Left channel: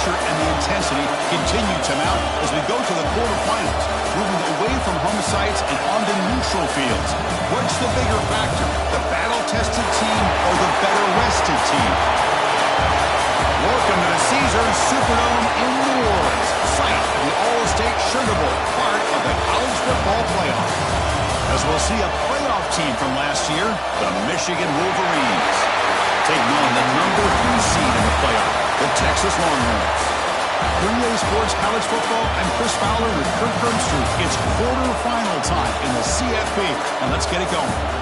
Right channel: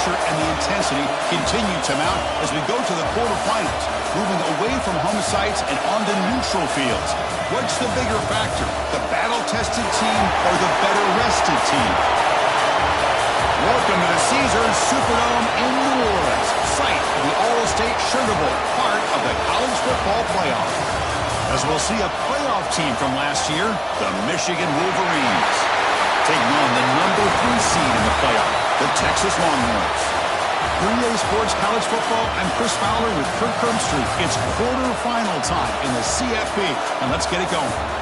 pressure and the intensity continue to mount as we go to the quarterfinals, moving away from home sites and onto neutral fields. What's the bigger factor, the battle-tested team or the better-rested team? Welcome to the Caesars Superdome in New Orleans, site of the All-State Sugar Bowl, part of the college football playoff. As we'll see a playoff team from last year, the Michigan Wolverines, taking on the number 3 seed in the playoff, the Texas Longhorns. 3A Sports College Football, I'm Chris Fowler with Kirk Herbstreit. It's quarterfinal time in the CFP, and let's get it going.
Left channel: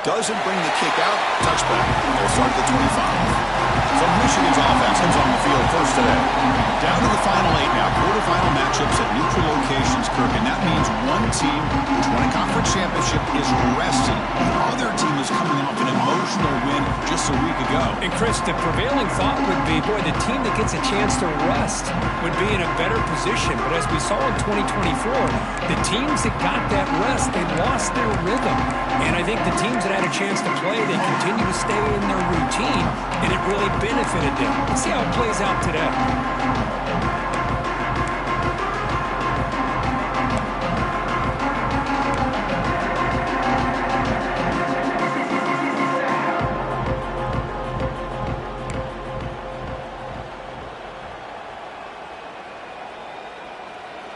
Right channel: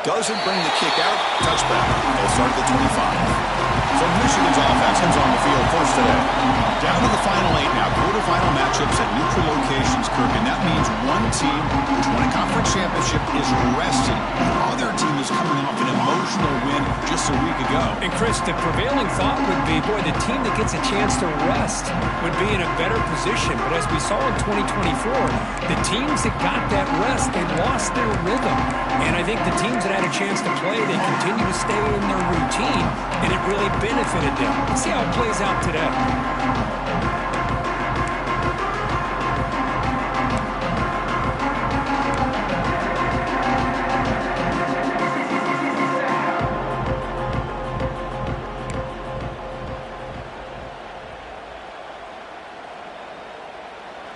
Doesn't bring the kick out. Touchback. They'll start at the 25. So Michigan's offense comes on the field first today. Down to the final 8 now. Quarterfinal matchups at neutral locations, Kirk. And that means one team which won a conference championship is resting. The other team is coming off an emotional win just a week ago. And Chris, the prevailing thought would be, boy, the team that gets a chance to rest would be in a better position. But as we saw in 2024, the teams that got that rest, they lost their rhythm. And I think the teams that had a chance to play, they continue to stay in their routine, and it really benefited them. Let's see how it plays out today.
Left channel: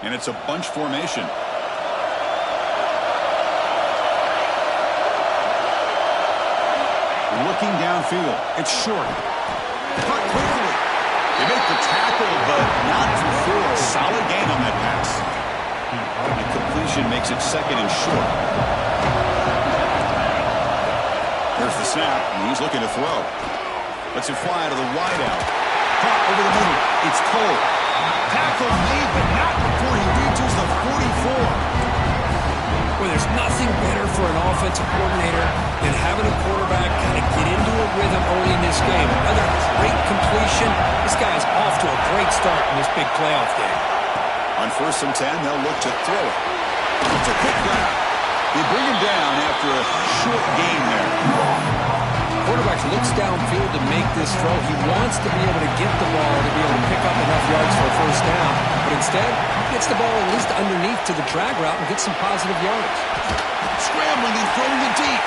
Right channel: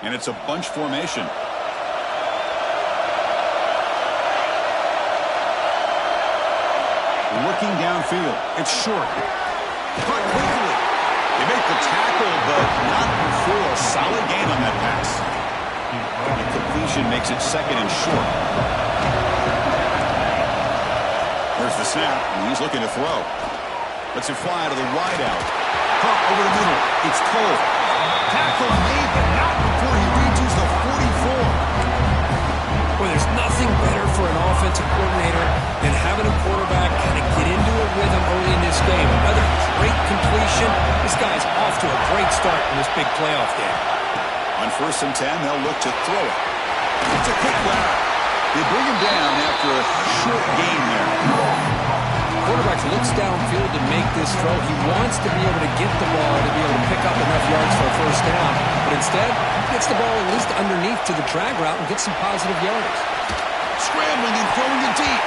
And it's a bunch formation. Looking downfield. It's short. Caught quickly. They make the tackle, but not for 4. A solid gain on that pass. The completion makes it second and short. There's the snap, and he's looking to throw. Lets it fly to the wideout. Caught over the middle. It's Cole. Tackle made, but not before he reaches the 44. Well, there's nothing better for an offensive coordinator than having a quarterback kind of get into a rhythm early in this game. Another great completion. This guy's off to a great start in this big playoff game. On 1st and 10, they'll look to throw it. It's a quick grab. They bring him down after a short gain there. Quarterback looks downfield to make this throw. He wants to be able to get the ball to be able to pick up enough yards for a first down. But instead, he gets the ball at least underneath to the drag route and gets some positive yards. Scrambling and throwing it deep.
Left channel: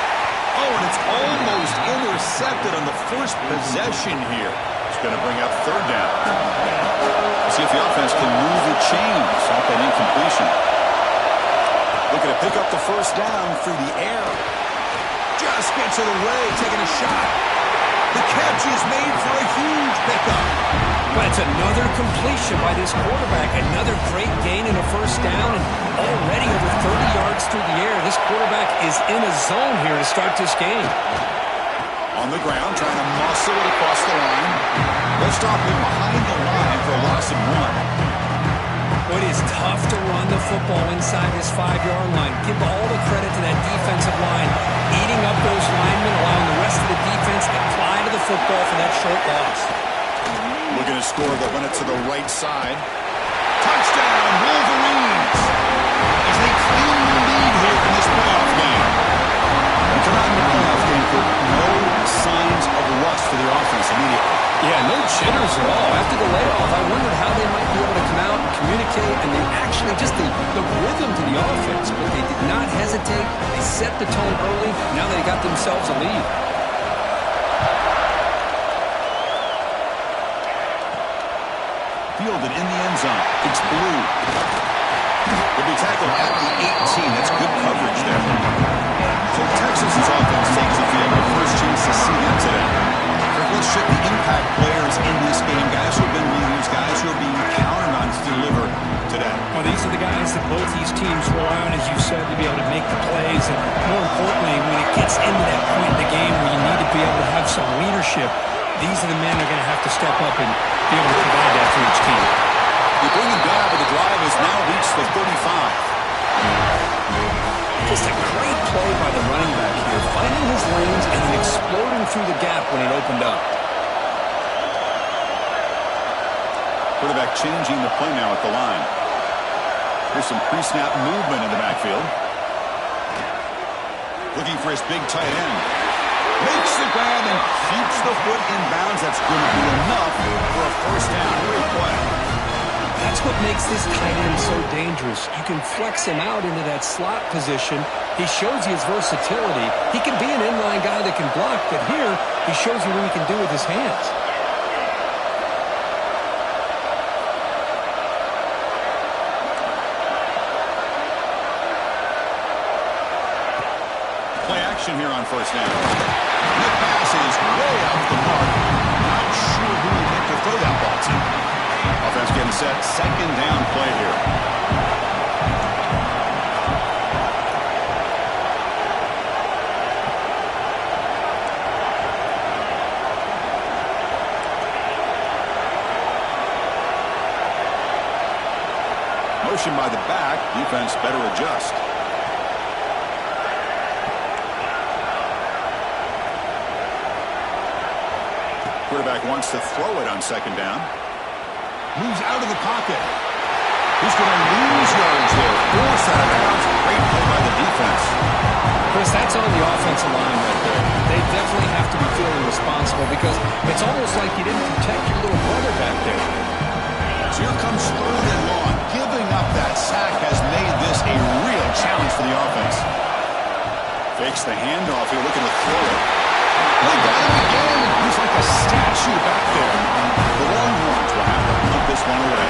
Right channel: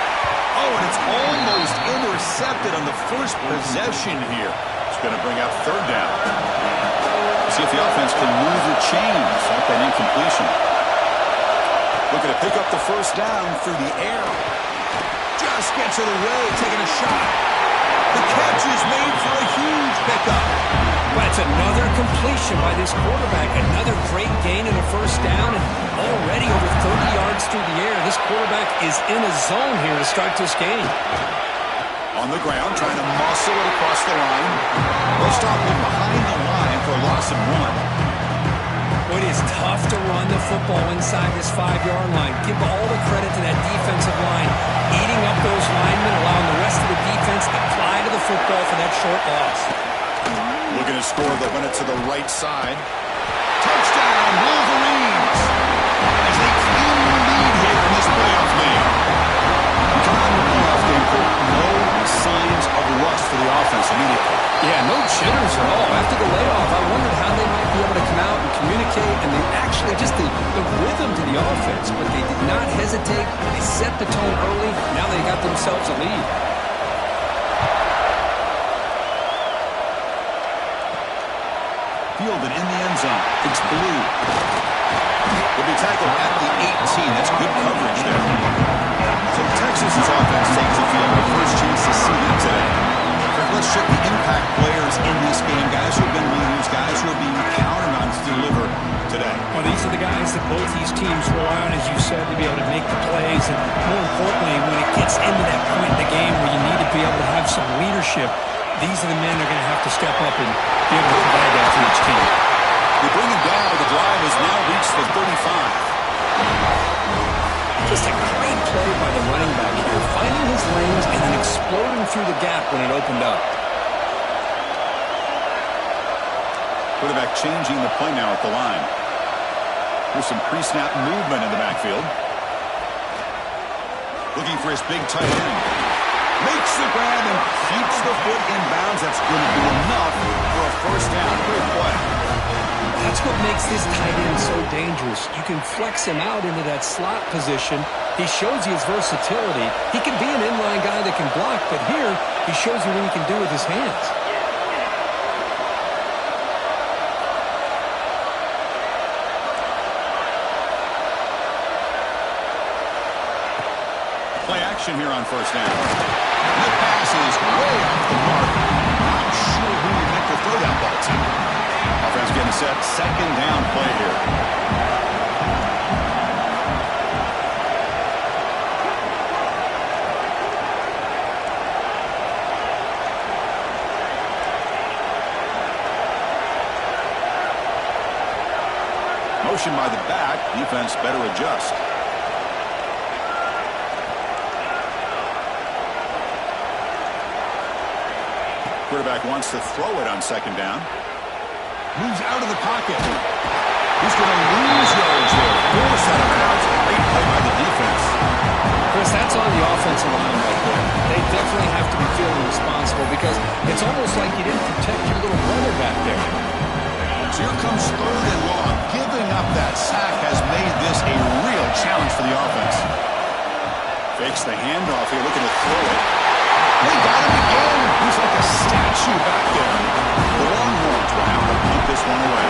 Oh, and it's almost intercepted on the first possession here. It's going to bring up 3rd down. See if the offense can move the chains off that incompletion. Looking to pick up the first down through the air. Just gets it away, taking a shot. The catch is made for a huge pickup. Well, it's another completion by this quarterback. Another great gain in a first down, and already over 30 yards through the air. This quarterback is in a zone here to start this game. On the ground, trying to muscle it across the line. They'll stop him behind the line for a loss of 1. It is tough to run the football inside this 5-yard line. Give all the credit to that defensive line, eating up those linemen, allowing the rest of the defense to fly to the football for that short loss. Looking to score, they'll run it to the right side. Touchdown, Wolverines! As they claim the lead here in this playoff game. We come out in the playoff game, Kirk. No signs of rust for the offense immediately. Yeah, no jitters at all. After the layoff, I wondered how they might be able to come out and communicate, and they actually just the rhythm to the offense, but they did not hesitate. They set the tone early. Now they got themselves a lead. Fielded in the end zone. It's Blue. Will be tackled at the 18. That's good coverage there. So Texas's offense takes the field. Our first chance to see them today. Kirk, let's check the impact players in this game. Guys who have been leaders, guys who are being counted on to deliver today. Well, these are the guys that both these teams rely on, as you said, to be able to make the plays. And more importantly, when it gets into that point in the game where you need to be able to have some leadership, these are the men that are going to have to step up and be able to provide that for each team. They bring him down, but the drive has now reached the 35. Just a great play by the running back here, finding his lanes and then exploding through the gap when it opened up. Quarterback changing the play now at the line. Here's some pre-snap movement in the backfield. Looking for his big tight end. Makes the grab and keeps the foot in bounds. That's going to be enough for a first down. Great play. That's what makes this tight end so dangerous. You can flex him out into that slot position. He shows you his versatility. He can be an inline guy that can block, but here he shows you what he can do with his hands. Play action here on first down. And the pass is way off the mark. Not sure who he meant to throw that ball to. Offense getting set. Second down play here. Motion by the back. Defense better adjust. Quarterback wants to throw it on second down. Moves out of the pocket. He's going to lose yards there. Forced out of bounds. Great play by the defense. Chris, that's on the offensive line right there. They definitely have to be feeling responsible because it's almost like you didn't protect your little brother back there. So here comes third and long. Giving up that sack has made this a real challenge for the offense. Fakes the handoff here, looking to throw it. They got him again. He's like a statue back there. The Longhorns will have to punt this one away.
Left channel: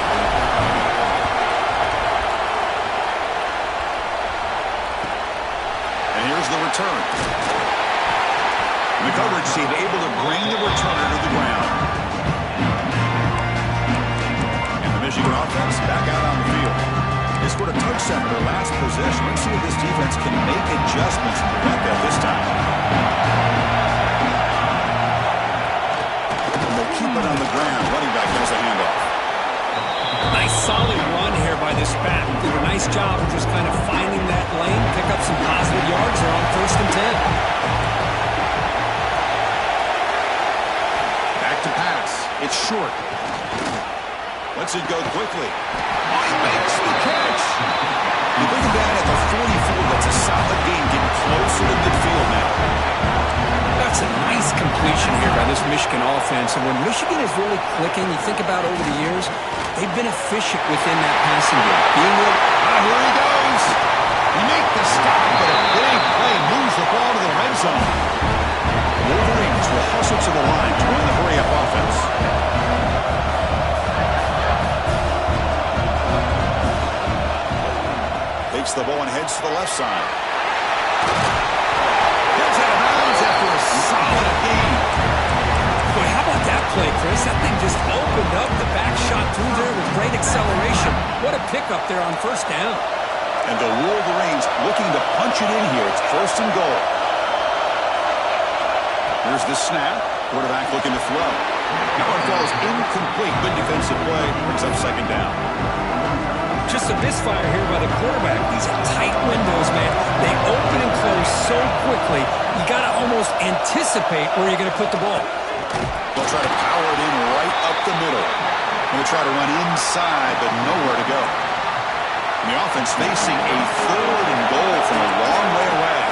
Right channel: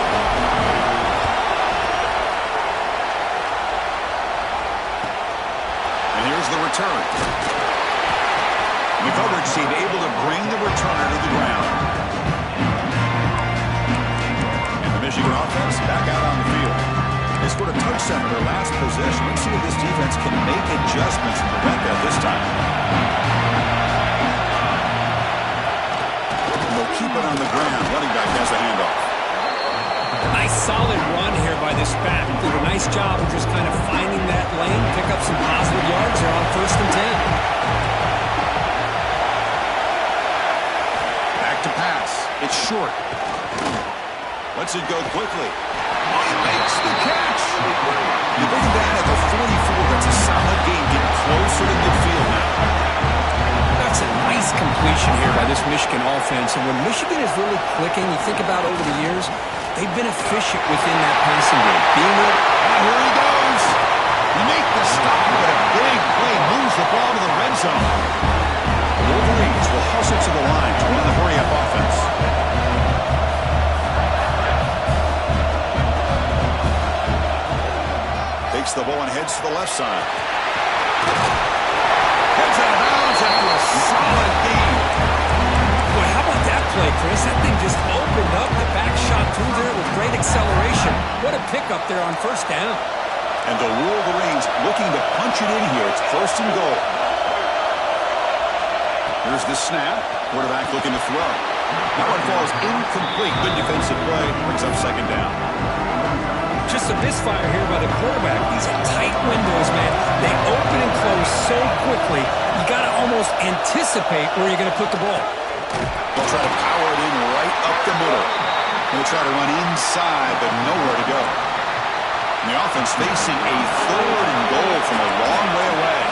And here's the return. And the coverage team able to bring the returner to the ground. And the Michigan offense back out on the field. They scored a touchdown in their last possession. Let's see if this defense can make adjustments to prevent that this time. Keep it on the ground. Running back has the handoff. Nice solid run here by this back. Did a nice job of just kind of finding that lane, pick up some positive yards there on 1st and 10. Back to pass. It's short. Lets it go quickly. Oh, he makes the catch. They bring him down at the 44. That's a solid gain, getting closer to midfield now. That's a nice completion here by this Michigan offense. And when Michigan is really clicking, you think about over the years, they've been efficient within that passing game. Being able here he goes. We make the stop, but a big play moves the ball to the red zone. The Wolverines will hustle to the line to run the hurry-up offense. Takes the ball and heads to the left side. Gets out of bounds after a solid gain. Boy, how about that play, Chris? That thing just opened up. The back shot through there with great acceleration. What a pickup there on first down. And the Wolverines looking to punch it in here. It's 1st and goal. Here's the snap. Quarterback looking to throw. That one falls incomplete. Good defensive play. Brings up second down. Just a misfire here by the quarterback. These are tight windows, man. They open and close so quickly, you got to almost anticipate where you're going to put the ball. They'll try to power it in right up the middle. They'll try to run inside, but nowhere to go. And the offense facing a 3rd and goal from a long way away.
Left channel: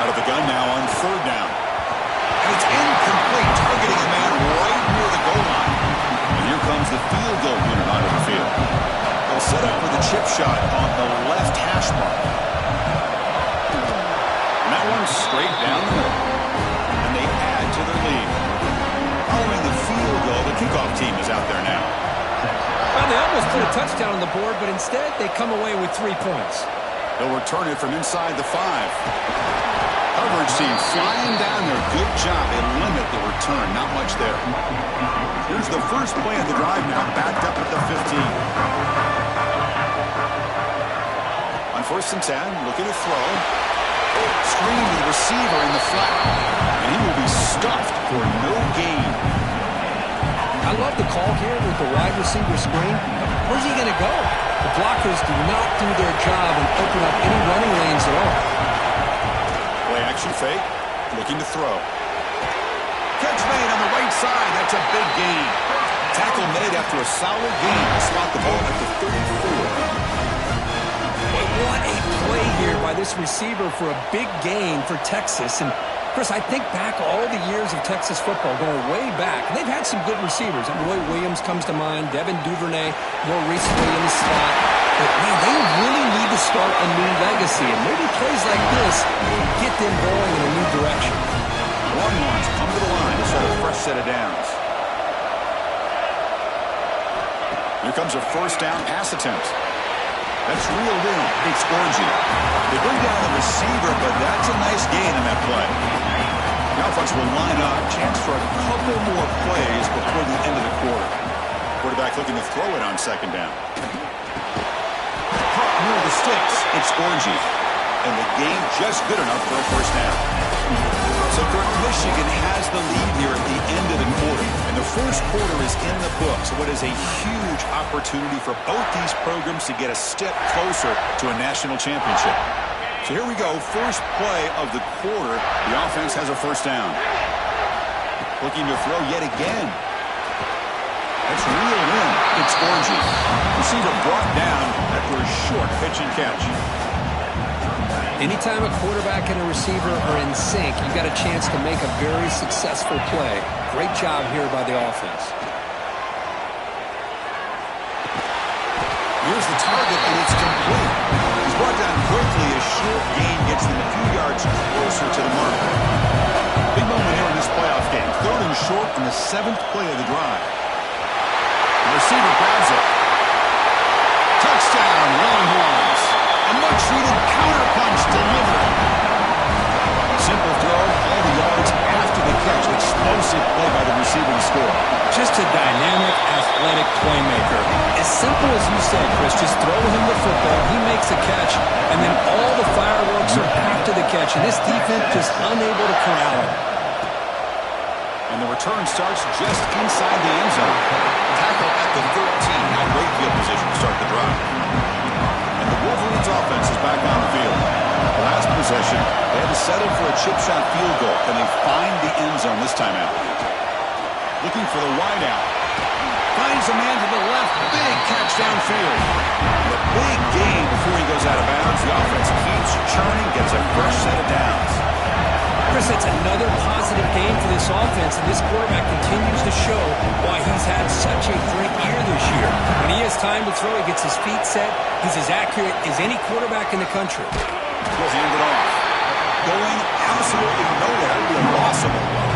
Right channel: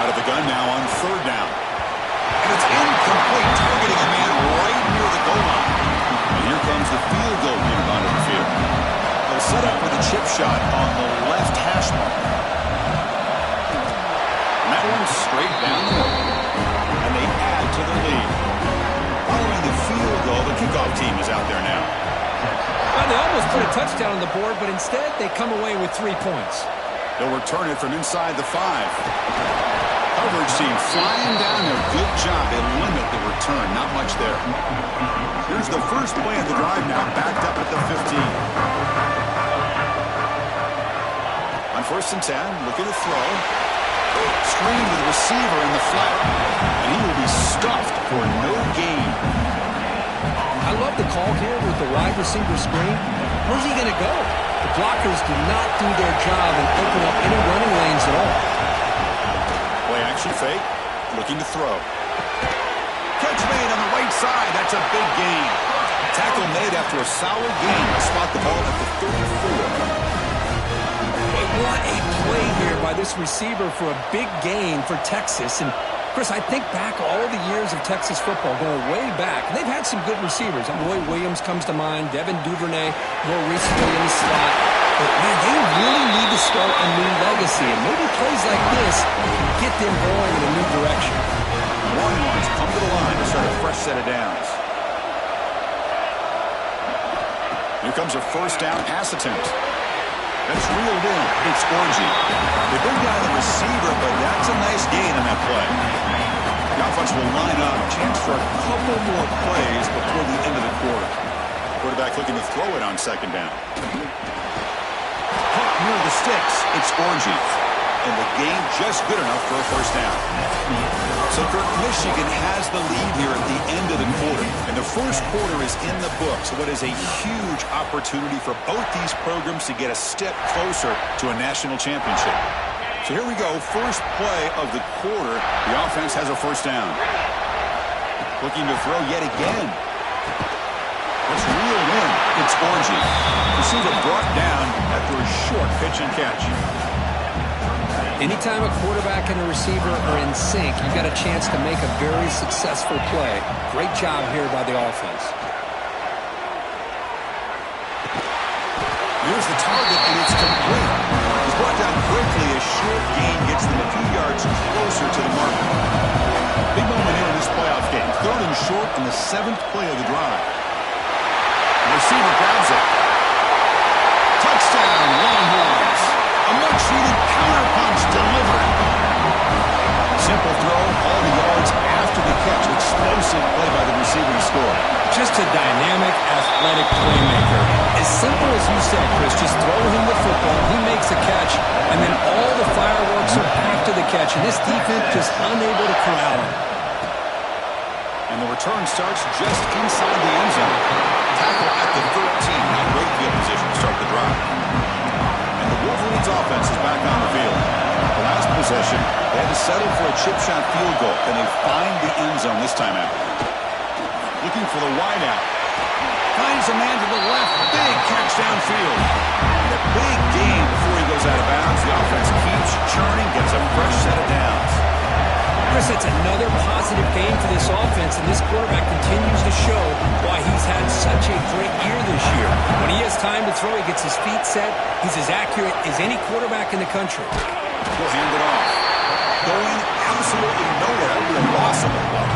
Out of the gun now on 3rd down. And it's incomplete, targeting a man right near the goal line. And here comes the field goal unit onto the field. They'll set up for the chip shot on the left hash mark. And that one's straight down the middle. And they add to their lead. Following the field goal, the kickoff team is out there now. Well, they almost put a touchdown on the board, but instead they come away with 3 points. They'll return it from inside the 5. Coverage team flying down there. Good job. They limit the return. Not much there. Here's the first play of the drive now. Backed up at the 15. On 1st and 10, looking to throw. Screen to the receiver in the flat. And he will be stuffed for no gain. I love the call here with the wide receiver screen. Where's he going to go? The blockers do not do their job and open up any running lanes at all. Play action fake. Looking to throw. Catch made on the right side. That's a big gain. Tackle made after a solid gain. Spot the ball at the 34. What a play here by this receiver for a big gain for Texas. And, Chris, I think back all the years of Texas football, going way back. And they've had some good receivers. Roy Williams comes to mind, Devin Duvernay, more recently in the slot. But, man, they really need to start a new legacy. And maybe plays like this get them going in a new direction. Longhorns come to the line to start a fresh set of downs. Here comes a first down pass attempt. That's reeled in. It's Orji. They bring down the receiver, but that's a nice gain on that play. The offense will line up. Chance for a couple more plays before the end of the quarter. Quarterback looking to throw it on second down. Caught near the sticks. It's Orji. And the gain just good enough for a first down. So, Kirk, Michigan has the lead here at the end of the quarter. And the first quarter is in the books. What is a huge opportunity for both these programs to get a step closer to a national championship. So here we go. First play of the quarter. The offense has a first down. Looking to throw yet again. That's reeled in. It's Orji. Receiver brought down after a short pitch and catch. Anytime a quarterback and a receiver are in sync, you got a chance to make a very successful play. Great job here by the offense. Here's the target, and it's complete. He's brought down quickly. A short gain gets them a few yards closer to the marker. Big moment here in this playoff game. Third and short on the 7th play of the drive. The receiver grabs it. Touchdown, Longhorns. A much-needed counterpunch delivered. Simple throw, all the yards after the catch. Explosive play by the receiver to score. Just a dynamic, athletic playmaker. As simple as you said, Chris, just throw him the football, he makes a catch, and then all the fireworks are after the catch, and this defense just unable to corral him. And the return starts just inside the end zone. Tackle at the 13. Not great field position to start the drive. Wolverines offense is back on the field. The last possession, they had to settle for a chip shot field goal. Then they find the end zone this time out. Looking for the wideout. Finds a man to the left. Big catch downfield. And a big gain before he goes out of bounds. The offense keeps churning, gets a fresh set of downs. Chris, that's another positive game for this offense, and this quarterback continues to show why he's had such a great year this year. When he has time to throw, he gets his feet set. He's as accurate as any quarterback in the country. We'll hand it off. Going absolutely nowhere. That would be a loss of a blow.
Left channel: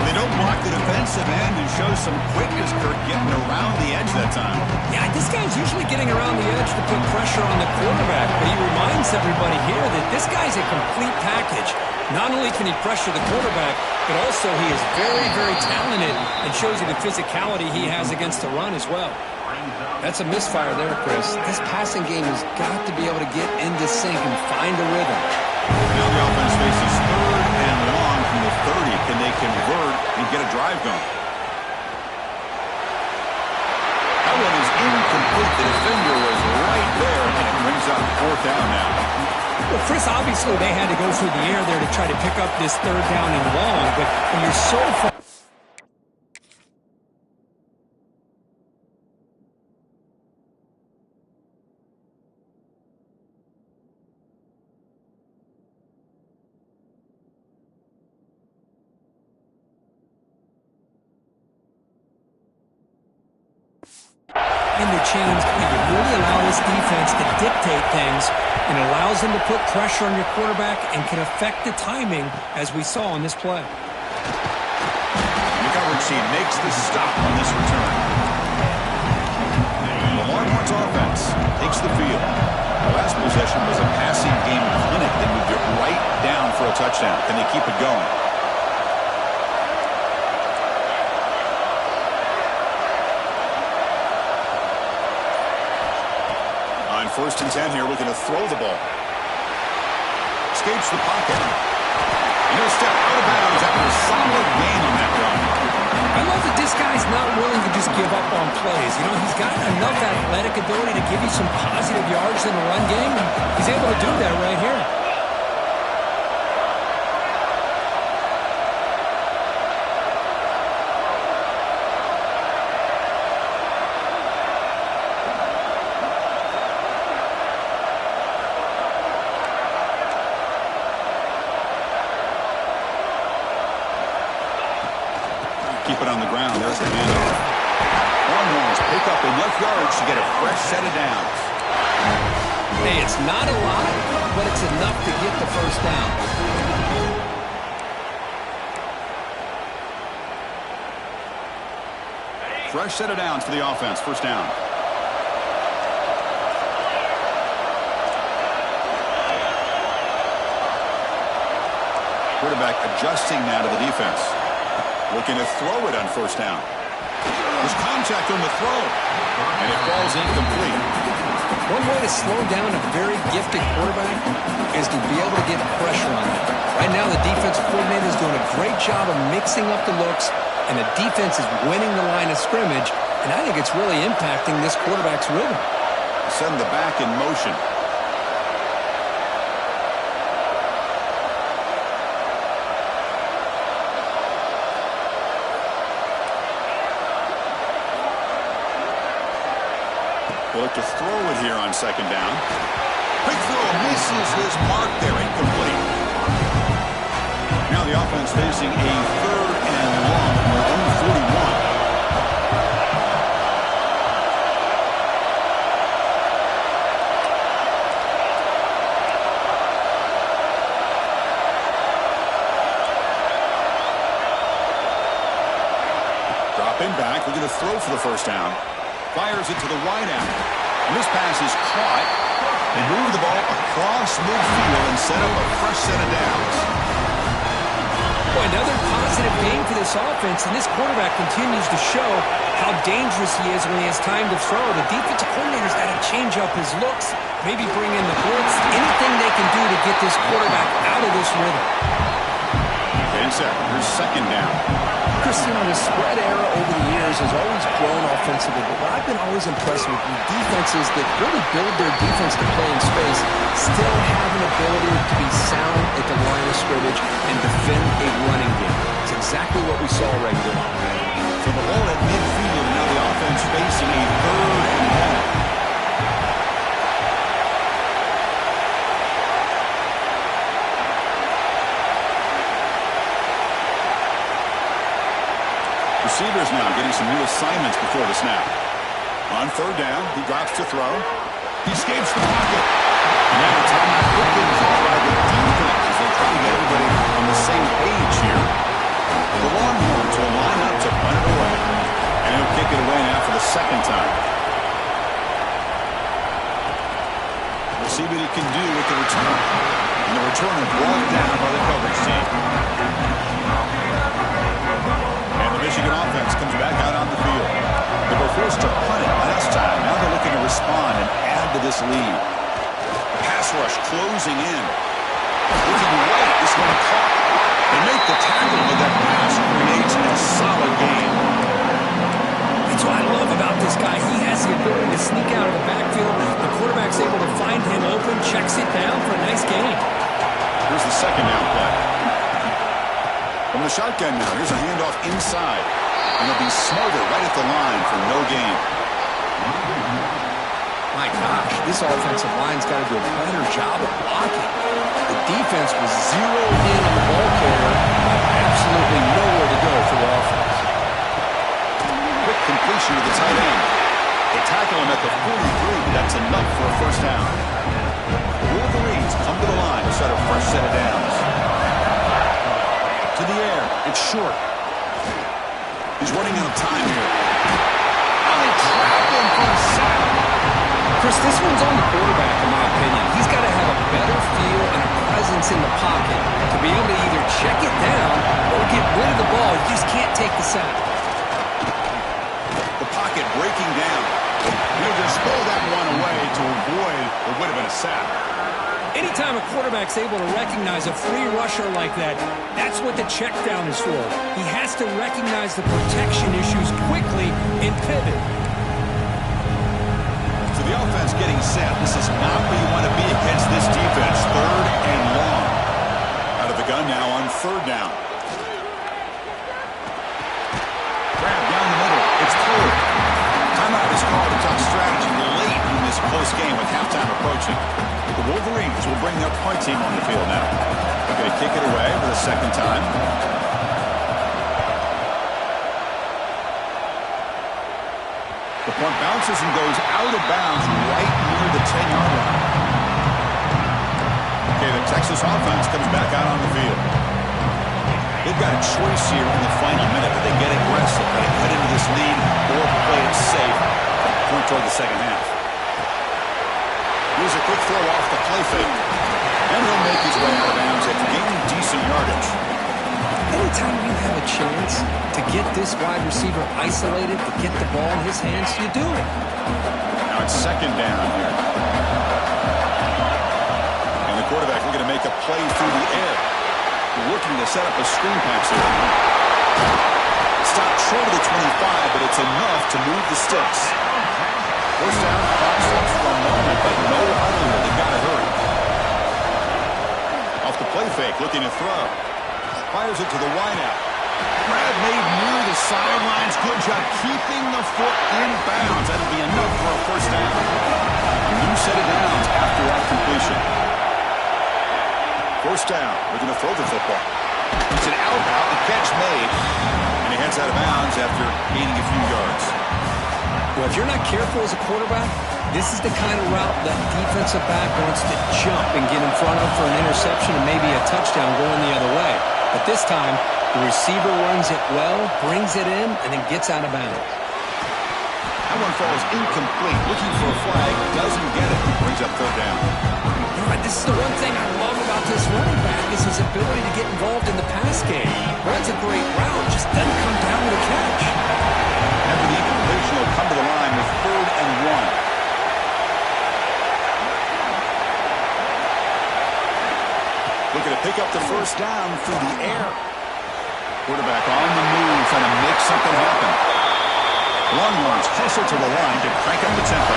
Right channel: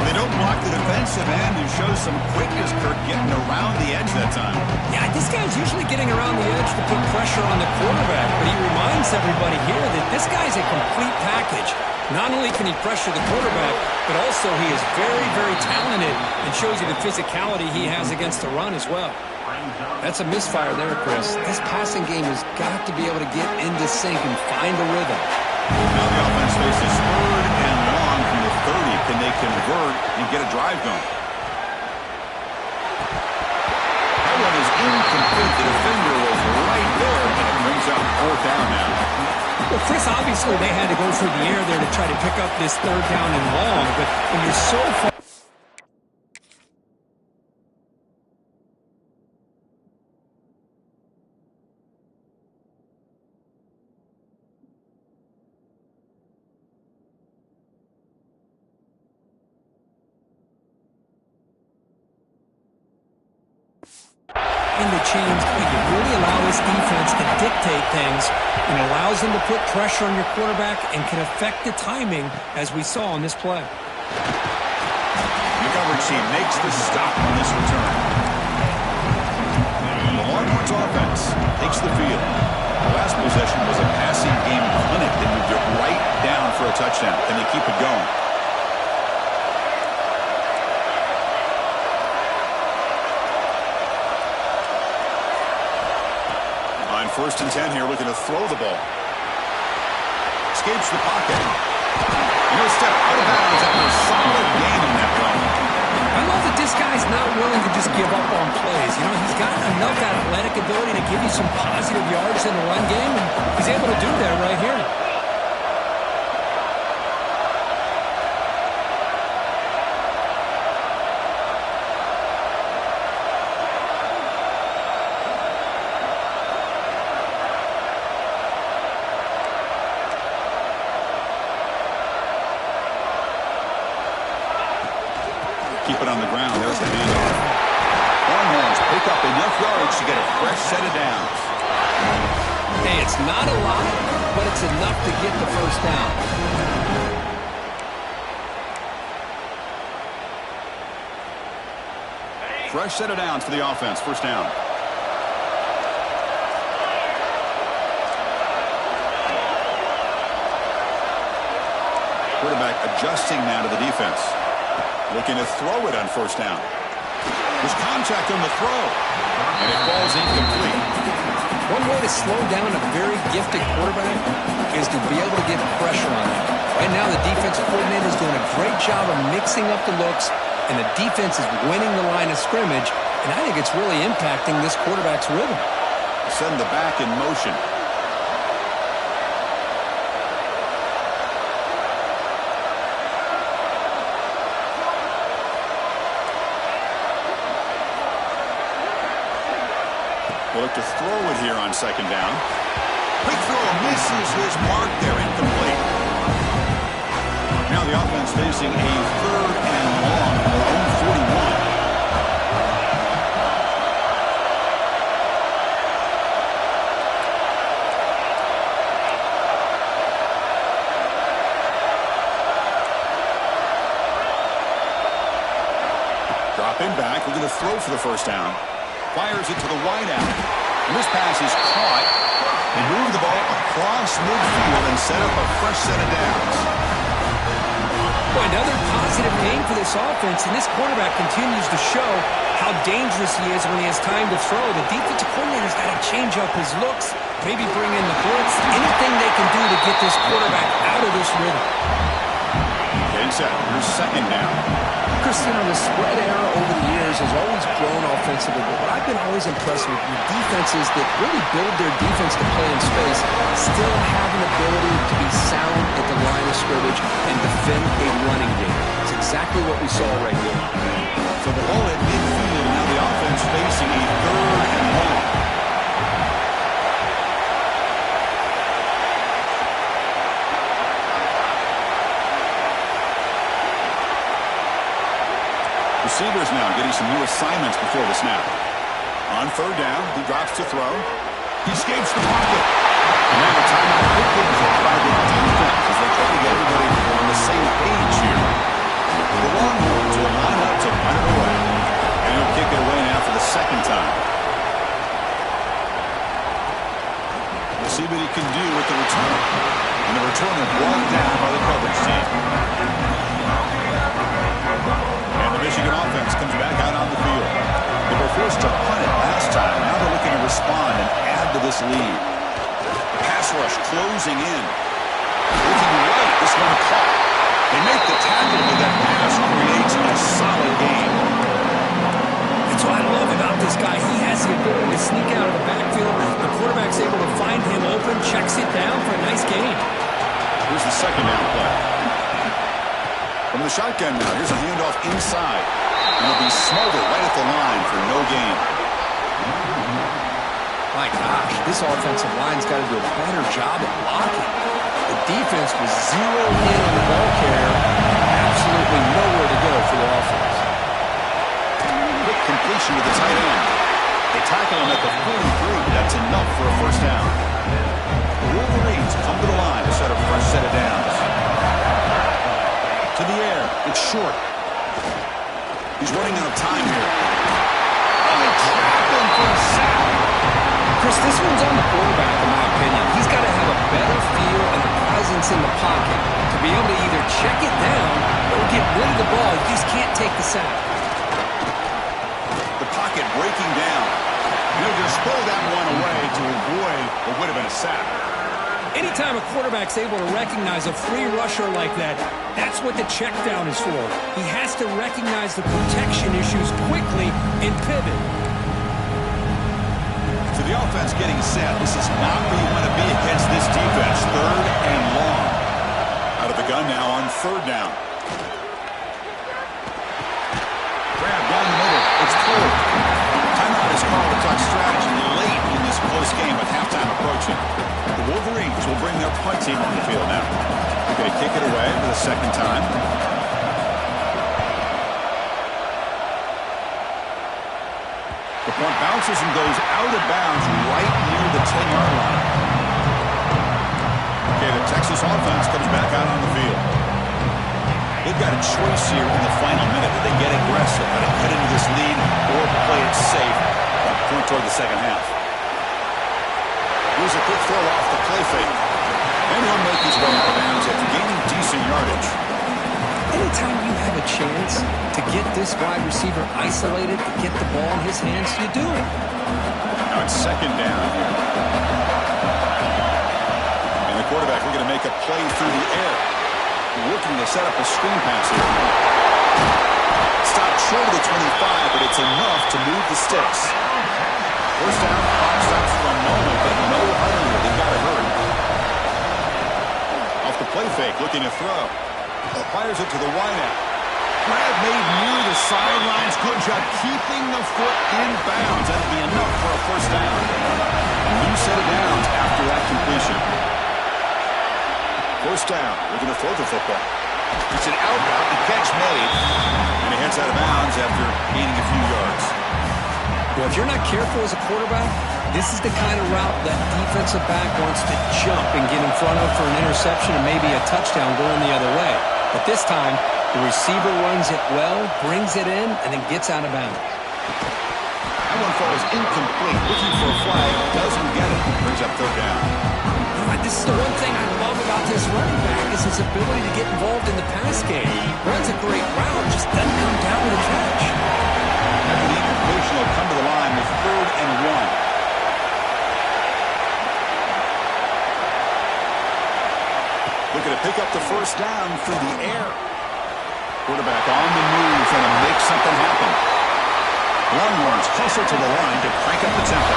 Well, they don't block the defensive end and show some quickness, Kirk, getting around the edge that time. Yeah, this guy's usually getting around the edge to put pressure on the quarterback, but he reminds everybody here that this guy's a complete package. Not only can he pressure the quarterback, but also he is very, very talented and shows you the physicality he has against the run as well. That's a misfire there, Chris. This passing game has got to be able to get into sync and find a rhythm. Now the offense faces third and long from the 30. Can they convert and get a drive going? That one is incomplete. The defender was right there, and it brings up fourth down now. Well, Chris, obviously they had to go through the air there to try to pick up this third down and long, but when you're so far... in the chains, you really allow this defense to dictate things and allows them to put pressure on your quarterback and can affect the timing, as we saw on this play. The coverage team makes the stop on this return. The Longhorns offense takes the field. The last possession was a passing game clinic. They moved it right down for a touchdown. Can they keep it going? On 1st and 10 here, looking to throw the ball. escapes the pocket. And he'll step out of bounds after a solid gain on that run. I love that this guy's not willing to just give up on plays. You know, he's got enough athletic ability to give you some positive yards in the run game, and he's able to do that right here. Keep it on the ground. There's the handoff. Longhorns pick up enough yards to get a fresh set of downs. Hey, it's not a lot, but it's enough to get the first down. Fresh set of downs for the offense. First down. Quarterback adjusting now to the defense. Looking to throw it on first down. There's contact on the throw. And it falls incomplete. One way to slow down a very gifted quarterback is to be able to get pressure on him. Right now, the defensive coordinator is doing a great job of mixing up the looks, and the defense is winning the line of scrimmage, and I think it's really impacting this quarterback's rhythm. Send the back in motion. They look to throw it here on second down. Quick throw misses his mark there, incomplete. Now the offense facing a third and long from their own 41. Dropping back, looking to throw for the first down. Fires it to the wideout. And this pass is caught. They move the ball across midfield and set up a fresh set of downs. Boy, another positive game for this offense, and this quarterback continues to show how dangerous he is when he has time to throw. The defensive coordinator's got to change up his looks, maybe bring in the blitz, anything they can do to get this quarterback out of this rhythm. Getting set. Here's second down. Cristiano, the spread era over the years has always grown offensively, but what I've been always impressed with the defenses that really build their defense to play in space still have an ability to be sound at the line of scrimmage and defend a running game. It's exactly what we saw right here. So the ball at midfield, now the offense facing a third and long. Receivers now getting some new assignments before the snap. On third down, he drops to throw. He escapes the pocket. And now a timeout quickly called by the defense as they try to get everybody on the same page here. The Longhorns will line up to punt it away. And he'll kick it away now for the second time. We'll see what he can do with the return. And the returner brought down by the coverage team. And the Michigan offense comes back out on the field. They were forced to punt it last time. Now they're looking to respond and add to this lead. The pass rush closing in. Looking right, this one caught. They make the tackle, but that pass creates a solid game. That's what I love about this guy. He has the ability to sneak out of the backfield. The quarterback's able to find him open, checks it down for a nice gain. Here's the second down play. From the shotgun now, here's a handoff inside. And it'll be Smolder right at the line for no gain. My gosh, this offensive line's got to do a better job of blocking. The defense was zeroed in on the ball carrier. Absolutely nowhere to go for the offense. Quick completion to the tight end. They tackle him at the 43, but that's enough for a first down. The Wolverines come to the line to set a fresh set of downs. To the air. It's short. He's running out of time here. Oh, they trap him for a sack. Chris, this one's on the quarterback, in my opinion. He's got to have a better feel and a presence in the pocket to be able to either check it down or get rid of the ball. You just can't take the sack. The pocket breaking down. And he'll just throw that one away to avoid what would have been a sack. Anytime a quarterback's able to recognize a free rusher like that, that's what the check down is for. He has to recognize the protection issues quickly and pivot. So the offense getting set. This is not where you want to be against this defense. 3rd and long. Out of the gun now on 3rd down. Grab down the middle. It's clear. Timeout is called to talk strategy late in this close game with halftime approaching. The Wolverines will bring their punt team on the field now. They're going to kick it away for the 2nd time. The punt bounces and goes out of bounds right near the 10-yard line. Okay, the Texas offense comes back out on the field. They've got a choice here in the final minute. Do they get aggressive, try to cut into this lead, or play it safe and point toward the second half? Here's a quick throw off the play fake. And he'll make his way out of bounds after gaining decent yardage. Anytime you have a chance to get this wide receiver isolated, to get the ball in his hands, you do it. Now it's 2nd down here. And the quarterback looking to make a play through the air. Looking to set up a screen pass here. Stopped short of the 25, but it's enough to move the sticks. 1st down, clock stops for a moment, but no huddle here. They've got to hurry. Off the play fake, looking to throw. Fires it to the wideout. Grab made near the sidelines. Good job keeping the foot in bounds. That'll be enough for a 1st down. A new set of downs after that completion. 1st down. We're going to throw the football. It's an out route. The catch made. And he heads out of bounds after gaining a few yards. Well, if you're not careful as a quarterback, this is the kind of route that defensive back wants to jump and get in front of for an interception and maybe a touchdown going the other way. But this time, the receiver runs it well, brings it in, and then gets out of bounds. That one falls incomplete. Looking for a flag. Doesn't get it. Brings up 3rd down. This is the one thing I love about this running back is his ability to get involved in the pass game. Runs a great route, just doesn't come down with a catch. After the incompletion, they'll come to the line with 3rd and 1. Looking to pick up the 1st down through the air. Quarterback on the move, trying to make something happen. Longhorns hustle to the line to crank up the tempo.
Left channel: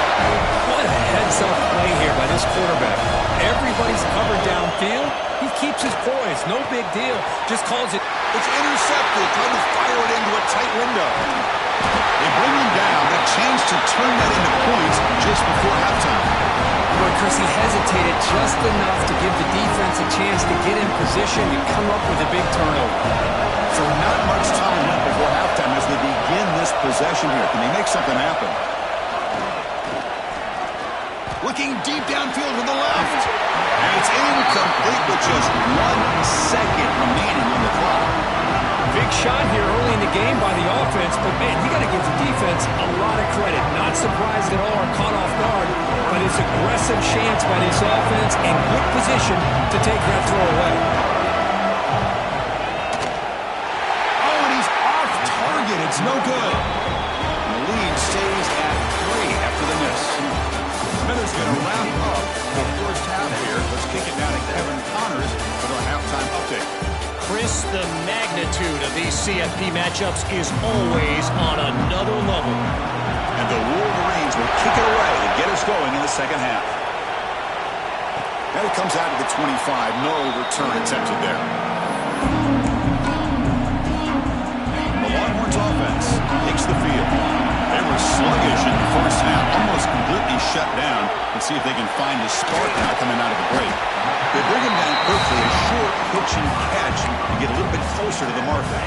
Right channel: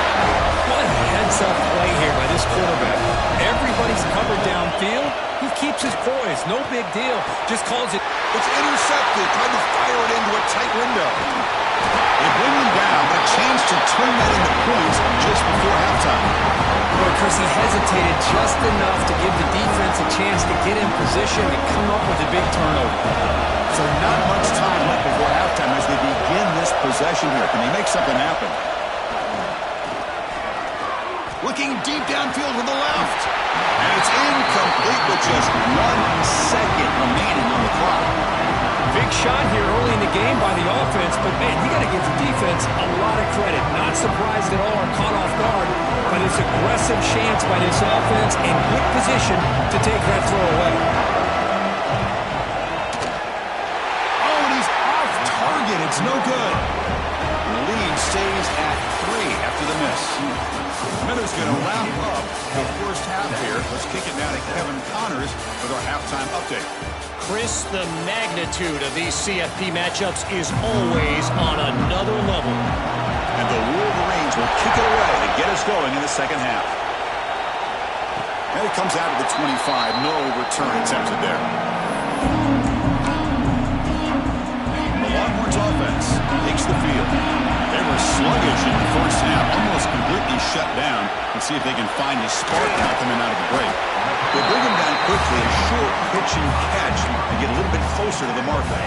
What a heads-up play here by this quarterback. Everybody's covered downfield. He keeps his poise. No big deal. Just calls it. It's intercepted. Trying to fire it into a tight window. They bring him down, but a chance to turn that into points just before halftime. Boy, Chris, he hesitated just enough to give the defense a chance to get in position and come up with a big turnover. So not much time left before halftime as they begin this possession here. Can they make something happen? Looking deep downfield to the left. And it's incomplete with just 1 second remaining on the clock. Big shot here early in the game by the offense, but man, you got to give the defense a lot of credit. Not surprised at all or caught off guard by this aggressive chance by this offense and good position to take that throw away. Oh, and he's off target. It's no good. And the lead stays at 3 after the miss. Smithers going to wrap up the 1st half here. Let's kick it down to Kevin Connors with our halftime update. Chris, the magnitude of these CFP matchups is always on another level. And the Wolverines will kick it away to get us going in the 2nd half. And it comes out to the 25. No return attempted there. The Longhorns offense takes the field. They were sluggish in the 1st half, almost completely shut down. Let's see if they can find a spark now coming out of the break. They bring him down quickly, a short pitch and catch to get a little bit closer to the marker.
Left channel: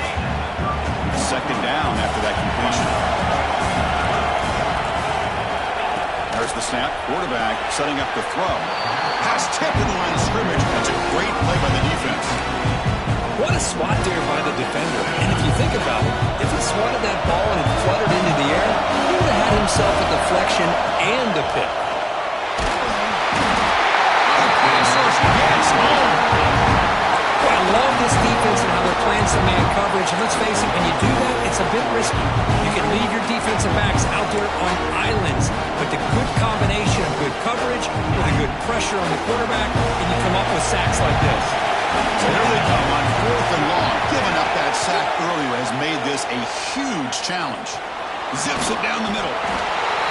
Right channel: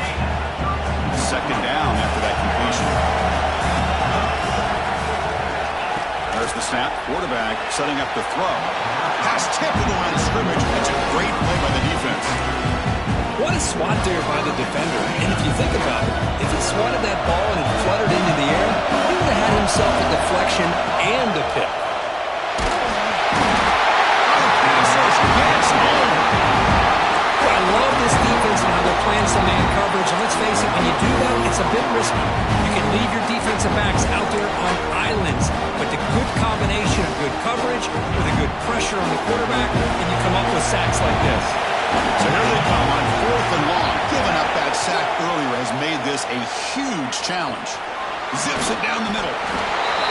2nd down after that completion. There's the snap. Quarterback setting up the throw. Pass tipped in the line of scrimmage. That's a great play by the defense. What a swat there by the defender. And if you think about it, if he swatted that ball and it fluttered into the air, he would have had himself a deflection and a pick. Gets home. Well, I love this defense and how they're playing some man coverage. And let's face it, when you do that, it's a bit risky. You can leave your defensive defensive backs out there on islands. But the good combination of good coverage with a good pressure on the quarterback, and you come up with sacks like this. So here they come on 4th and long. Giving up that sack earlier has made this a huge challenge. Zips it down the middle.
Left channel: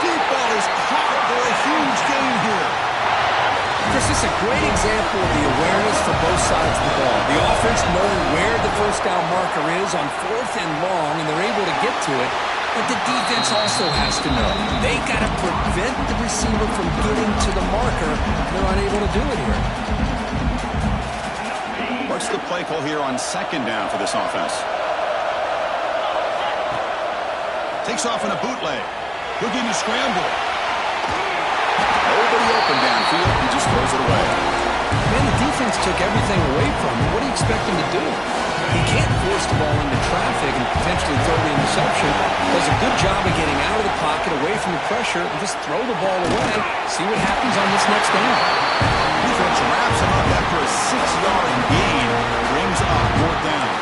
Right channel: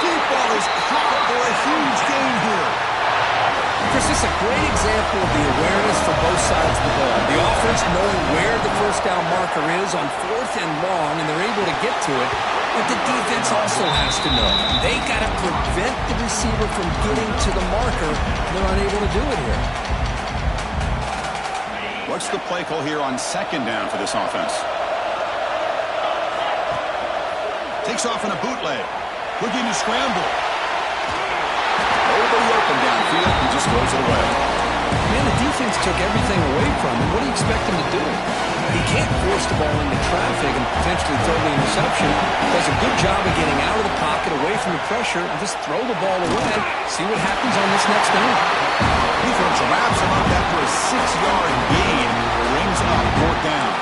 Deep ball is caught for a huge gain here. Chris, this is a great example of the awareness for both sides of the ball. The offense knowing where the first down marker is on 4th and long, and they're able to get to it. But the defense also has to know. They got to prevent the receiver from getting to the marker. They're unable to do it here. What's the play call here on 2nd down for this offense? Takes off in a bootleg. Looking to scramble. Nobody open downfield. He just throws it away. Man, the defense took everything away from him. What do you expect him to do? He can't force the ball into traffic and potentially throw the interception. Does a good job of getting out of the pocket, away from the pressure, and just throw the ball away. See what happens on this next down. Defense wraps him up after a 6-yard gain. Brings up 4th down.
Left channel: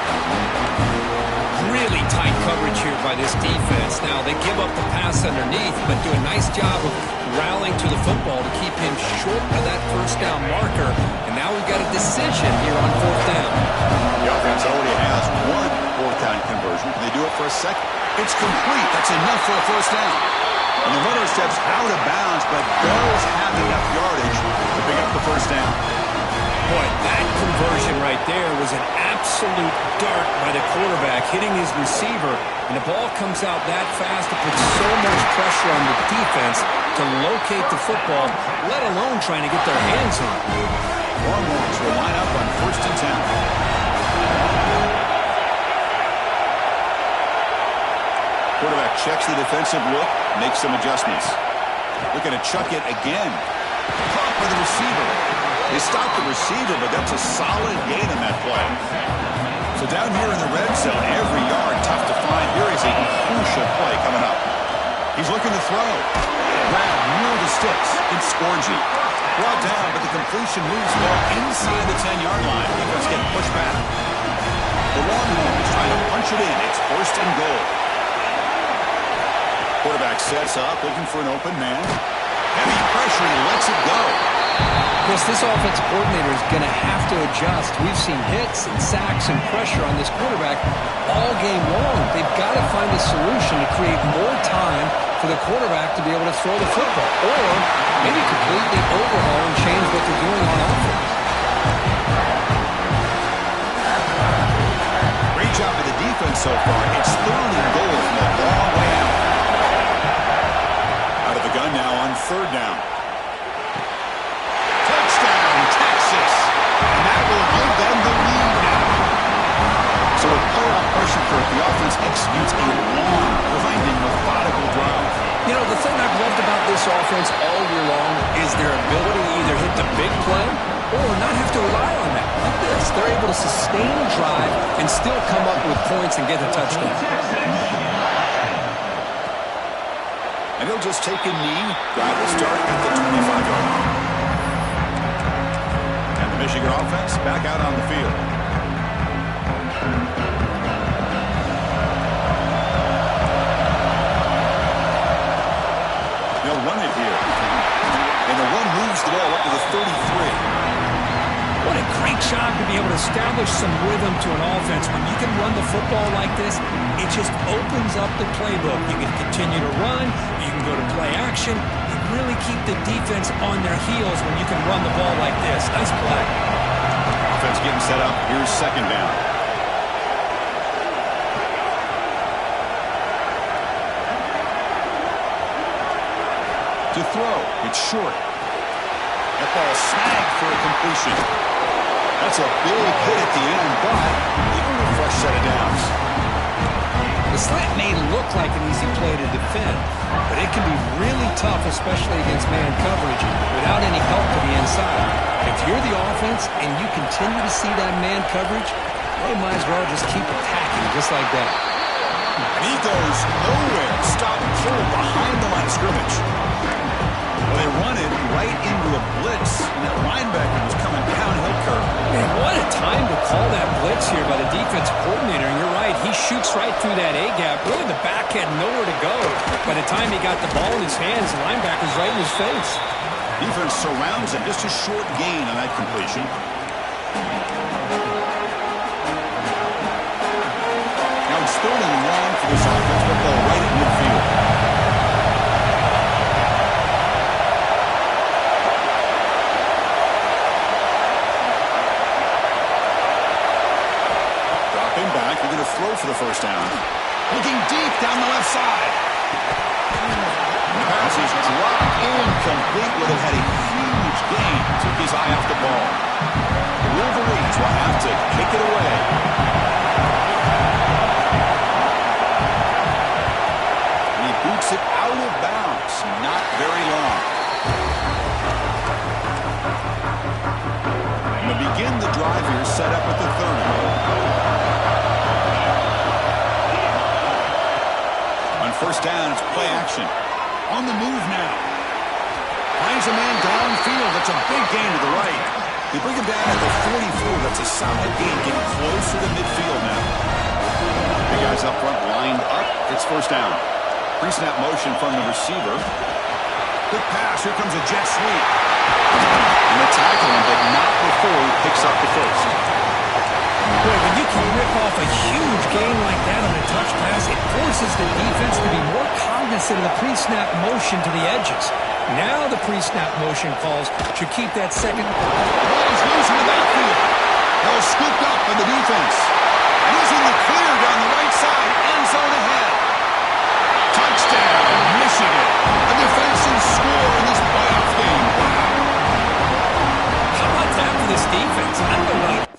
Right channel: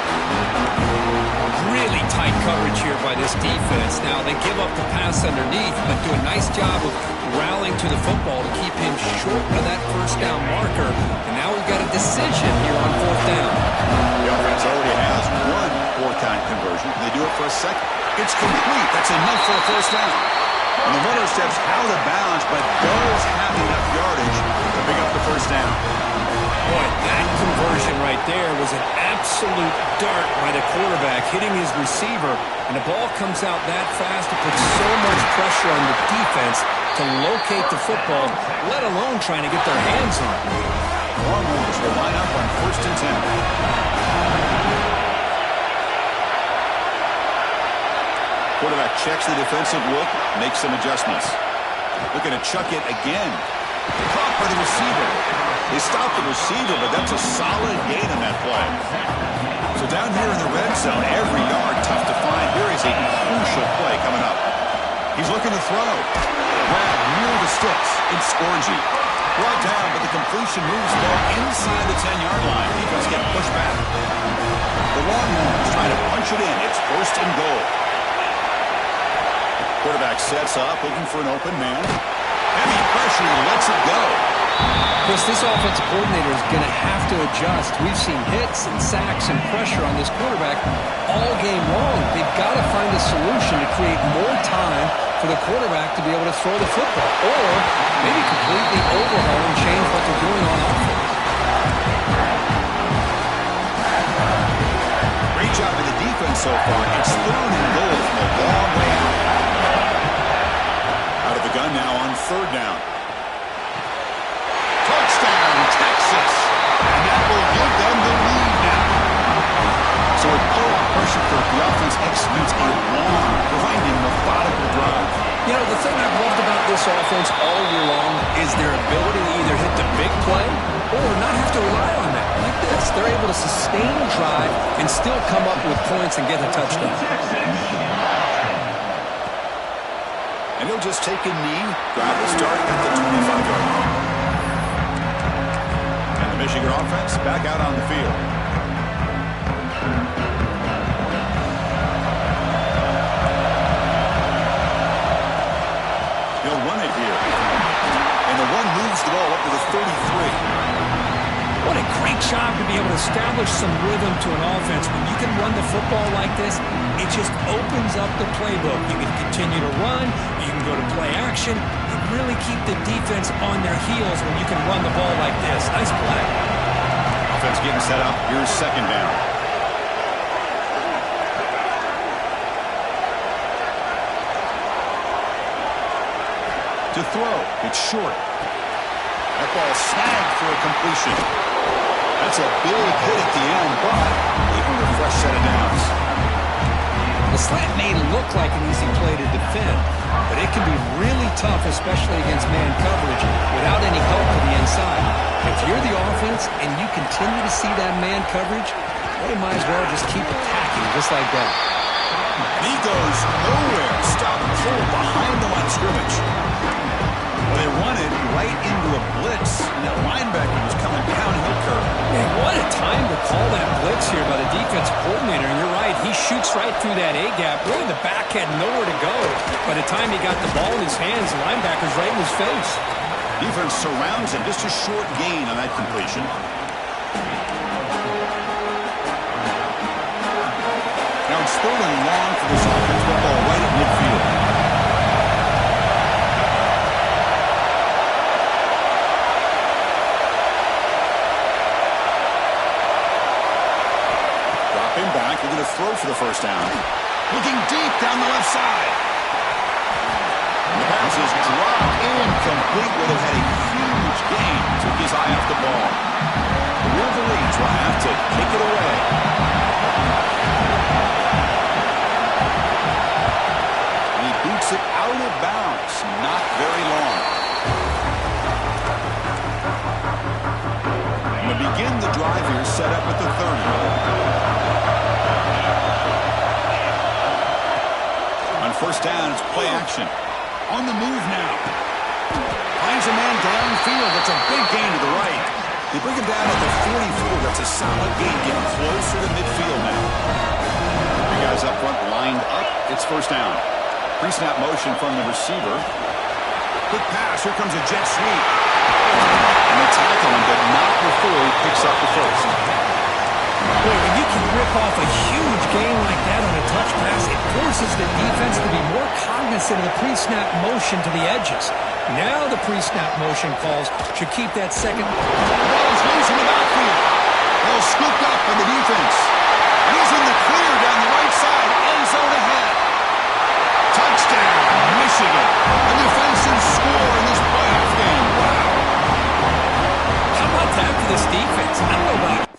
Really tight coverage here by this defense. Now, they give up the pass underneath, but do a nice job of rallying to the football to keep him short of that first down marker. And now we've got a decision here on 4th down. The offense already has one 4th down conversion. Can they do it for a second? It's complete. That's enough for a first down. And the runner steps out of bounds, but does have enough yardage to pick up the first down. Boy, that conversion right there was an absolute dart by the quarterback, hitting his receiver, and the ball comes out that fast to put so much pressure on the defense to locate the football, let alone trying to get their hands on it. Longhorns will line up on 1st and 10. Quarterback checks the defensive look, makes some adjustments. Looking to chuck it again. Caught by the receiver. They stopped the receiver, but that's a solid gain on that play. So down here in the red zone, every yard tough to find. Here is a crucial play coming up. He's looking to throw. Grab near the sticks. It's Scorgi. Brought down, but the completion moves the ball inside the 10-yard line. Defense getting pushed back. The Longhorns trying to punch it in. It's 1st and goal. Quarterback sets up, looking for an open man. Heavy pressure, he lets it go. Chris, this offensive coordinator is going to have to adjust. We've seen hits and sacks and pressure on this quarterback all game long. They've got to find a solution to create more time for the quarterback to be able to throw the football, or maybe completely overhaul and change what they're doing on offense. Great job of the defense so far. It's 3rd and goal from a long way out. Out of the gun now on 3rd down. Touchdown, Texas. And that will give them the lead now. So with pull-out pressure curve, the offense executes a long, grinding, methodical drive. You know, the thing I've loved about this offense all year long is their ability to either hit the big play or not have to rely on that. Like this, they're able to sustain a drive and still come up with points and get a touchdown. And he'll just take a knee. Drive will start at the 25-yard line. And the Michigan offense back out on the field. They'll run it here. And the one moves the ball up to the 33. What a great job to be able to establish some rhythm to an offense. When you can run the football like this, it just opens up the playbook. You can continue to run. You can go to play action. You really keep the defense on their heels when you can run the ball like this. Nice play. Offense getting set up. Here's 2nd down. To throw. It's short. That ball snagged for a completion. That's a big hit at the end, but they earn a fresh set of downs. The slant may look like an easy play to defend, but it can be really tough, especially against man coverage, without any help to the inside. If you're the offense and you continue to see that man coverage, they might as well just keep attacking just like that. And he goes nowhere. Stop pull behind the line of scrimmage. Well, they run it right into a blitz, and that linebacker was coming downhill curve. Man, what a time to call that blitz here by the defensive coordinator. And you're right, he shoots right through that A-gap. Really, the back had nowhere to go. By the time he got the ball in his hands, the linebacker's right in his face. Defense surrounds him. Just a short gain on that completion. Now it's 3rd and long for this offense. Football right at midfield. Dropping back. They're going to throw for the first down. Looking deep down the left side. The pass is dropped incomplete. Would have had a huge gain. Took his eye off the ball. The Wolverines will have to kick it away. And he boots it out of bounds. Not very long. And to begin the drive here, set up at the 30. On first down, it's play action. On the move now. Finds a man downfield. That's a big gain to the right. They bring him down at the 44. That's a solid gain, getting closer to midfield now. The guys up front lined up. It's first down. Pre-snap motion from the receiver. Quick pass. Here comes a jet sweep. And they tackle him, but not before he picks up the first. Boy, when you can rip off a huge gain like that on a touch pass, it forces the defense to be more cognizant of the pre-snap motion to the edges. Now the pre-snap motion calls should keep that second. The ball is loose in the backfield. Ball scooped up by the defense. And he's in the clear down the right side. End zone ahead. Touchdown, Michigan. A defensive score in this playoff game. Wow. How about that for this defense? I don't know about it.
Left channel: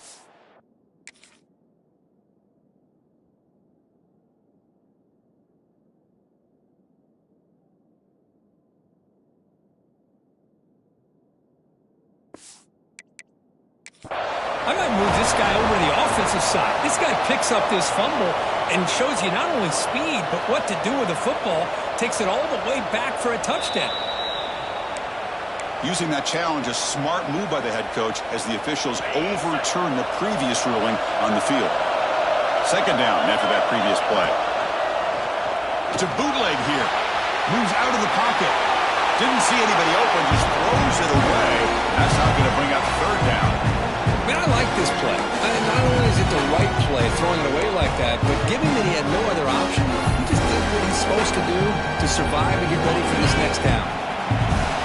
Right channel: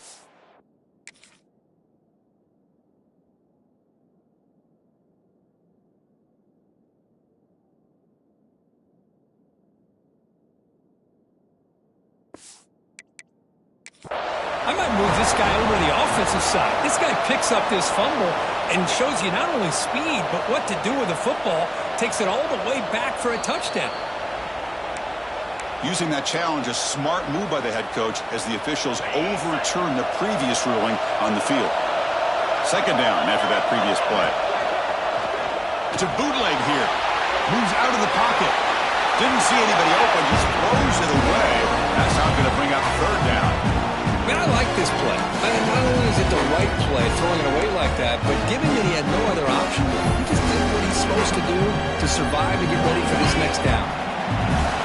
I might move this guy over to the offensive side. This guy picks up this fumble and shows you not only speed, but what to do with the football. Takes it all the way back for a touchdown. Using that challenge, a smart move by the head coach as the officials overturn the previous ruling on the field. Second down after that previous play. It's a bootleg here. Moves out of the pocket. Didn't see anybody open, just throws it away. That's not going to bring up third down. Man, I like this play. Not only is it the right play, throwing it away like that, but given that he had no other option, he just did what he's supposed to do to survive and get ready for this next down.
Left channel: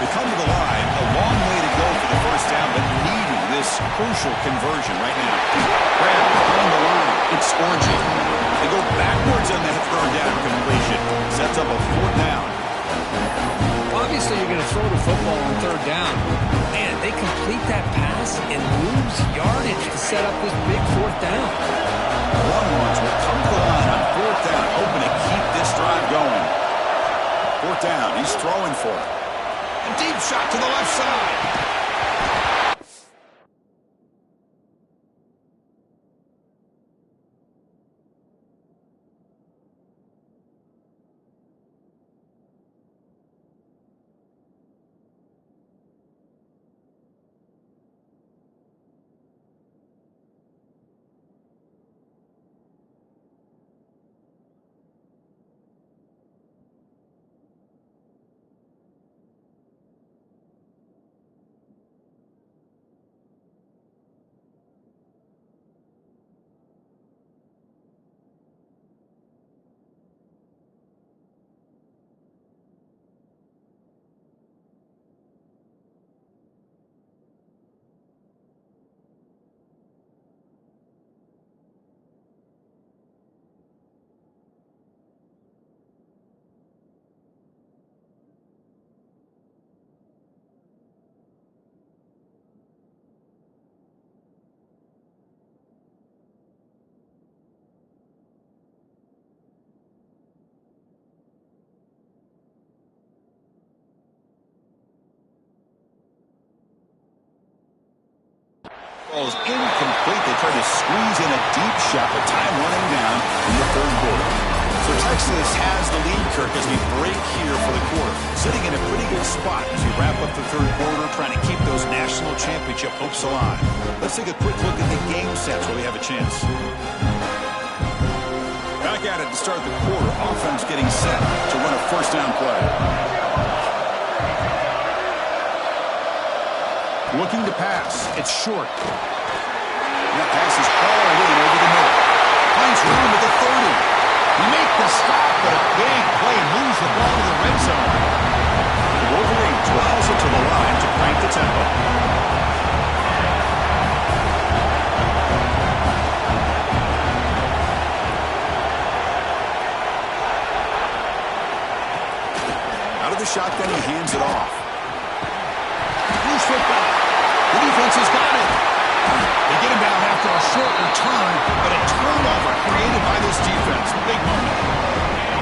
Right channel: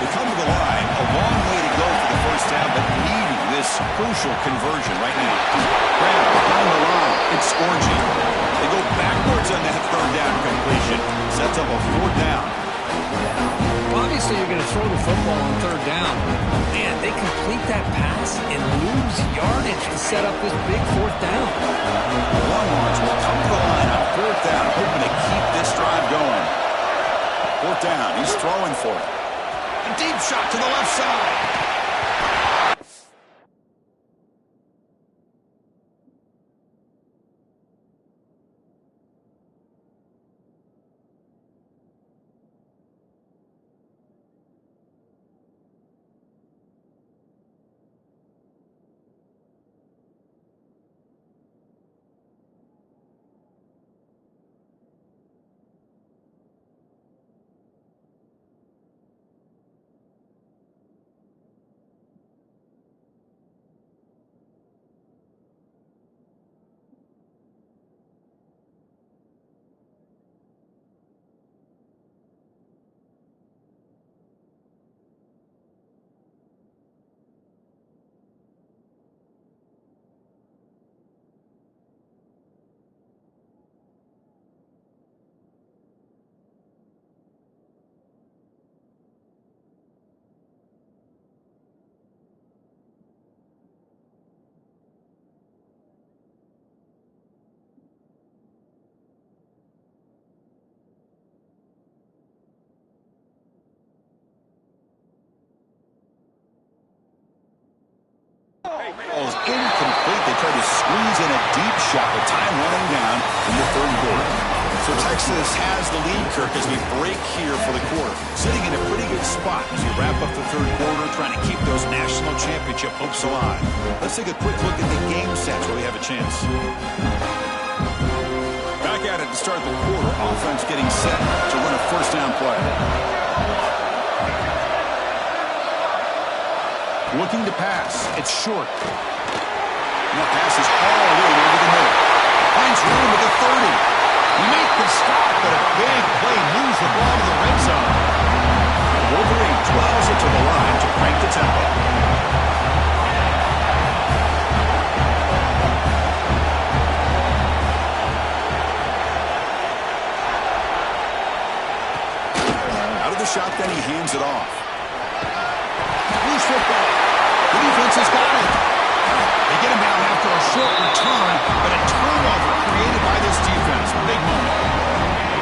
They come to the line, a long way to go for the first down, but needing this crucial conversion right now. Grant behind the line. It's Orji. They go backwards on that third down completion. Sets up a fourth down. Obviously, you're going to throw the football on third down. Man, they complete that pass and lose yardage to set up this big fourth down. Longhorns will come to the line on fourth down, hoping to keep this drive going. Fourth down, he's throwing for it. A deep shot to the left side. Ball is incomplete. They try to squeeze in a deep shot with time running down in the third quarter. So Texas has the lead, Kirk, as we break here for the quarter. Sitting in a pretty good spot as we wrap up the third quarter, trying to keep those national championship hopes alive. Let's take a quick look at the game sets where we have a chance. Back at it to start the quarter. Offense getting set to run a first down play. Looking to pass. It's short. And that pass is hauled in over the middle. Finds room at the 30. He makes the stop, but a big play moves the ball to the red zone. The Wolverines will hustle to the line to crank the tempo. Out of the shotgun, he hands it off. Loose football. The defense has got it. They get him down after a short return, but a turnover created by this defense. Big moment.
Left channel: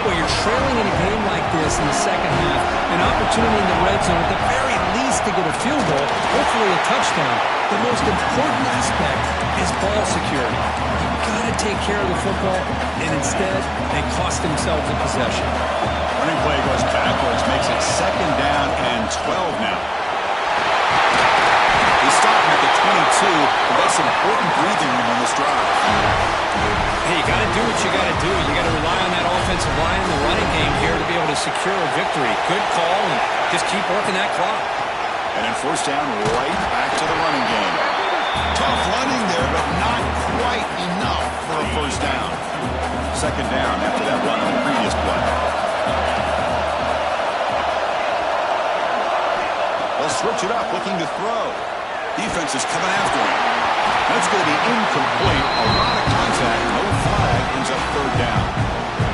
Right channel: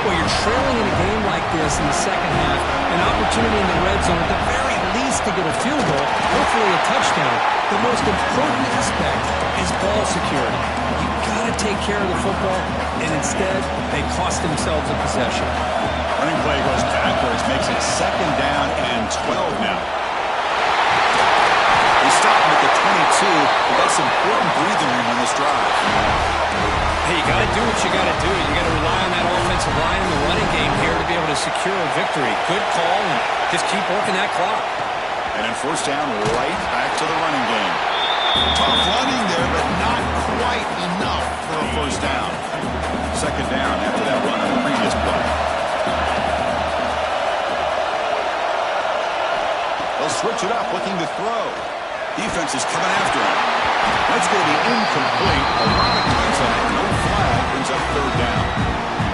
Well, you're trailing in a game like this in the second half, an opportunity in the red zone at the very least to get a field goal, hopefully a touchdown. The most important aspect is ball security. You've got to take care of the football, and instead, they cost themselves a possession. Running play goes backwards, makes it second down and 12 now. They stop him at the 22, but that's important breathing room on this drive. Hey, you got to do what you got to do. You got to rely on that offensive line in the running game here to be able to secure a victory. Good call, and just keep working that clock. And then first down, right back to the running game. Tough running there, but not quite enough for a first down. Second down after that run on the previous play. They'll switch it up, looking to throw. Defense is coming after him. That's going to be incomplete. A lot of contact, no flag, ends up third down.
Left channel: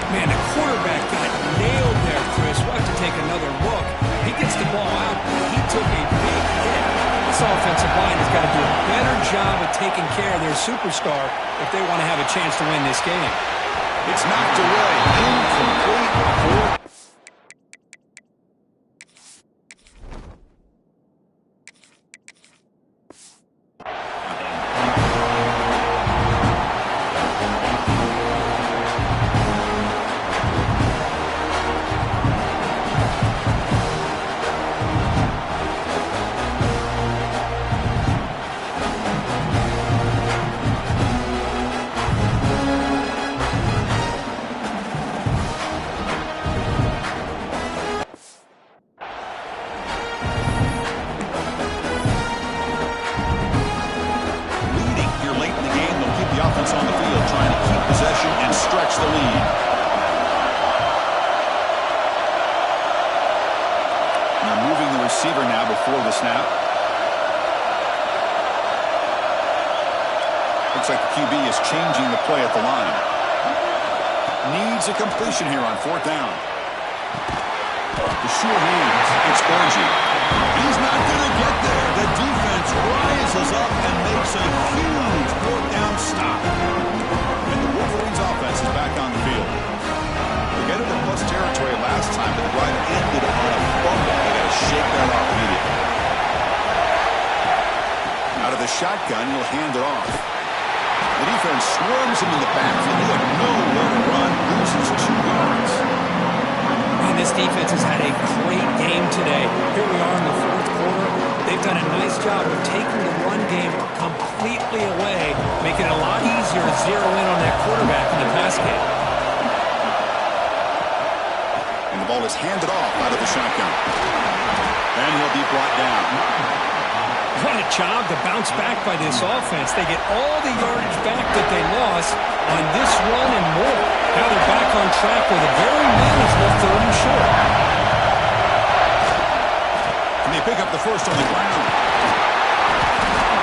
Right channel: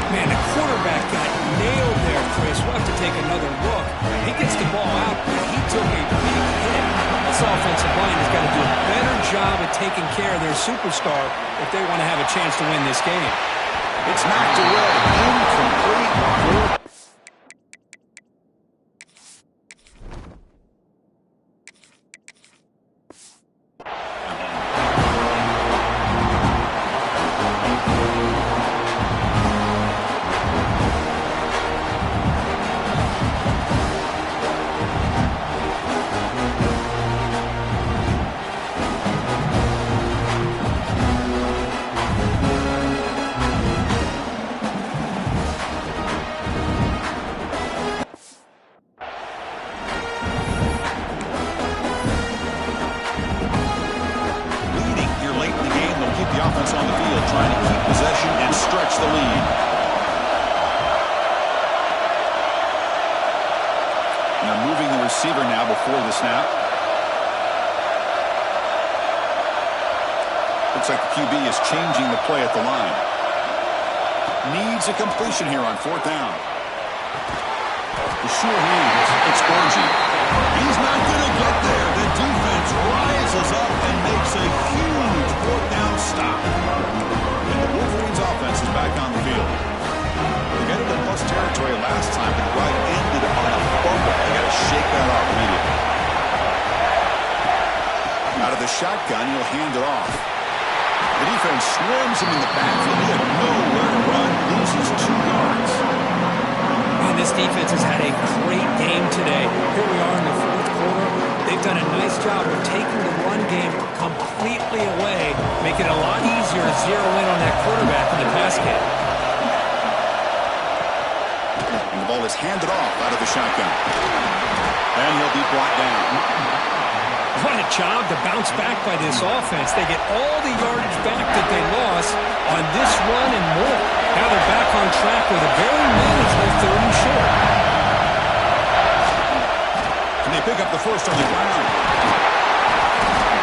Man, the quarterback got nailed there, Chris. We'll have to take another look. He gets the ball out, but he took a big hit. This offensive line has got to do a better job of taking care of their superstar if they want to have a chance to win this game. It's knocked away. Incomplete. On the field, trying to keep possession and stretch the lead. And they're moving the receiver now before the snap. Looks like the QB is changing the play at the line. Needs a completion here on fourth down. The sure hands. It's Orji. He's not going to get there. The defense rises up and makes a huge fourth down stop. And the Wolverines offense is back on the field. They got into plus territory last time, but the drive ended on a fumble. They got to shake that off immediately. Out of the shotgun, he'll hand it off. The defense swarms him in the backfield. He had nowhere to run. Loses 2 yards. Man, this defense has had a great game today. Here we are in the fourth quarter. They've done a nice job of taking the run game completely away, making it a lot easier to zero in on that quarterback in the pass game. And the ball is handed off out of the shotgun. And he'll be brought down. What a job to bounce back by this offense. They get all the yardage back that they lost on this run and more. Now they're back on track with a very manageable 3rd and short. And they pick up the first on the ground.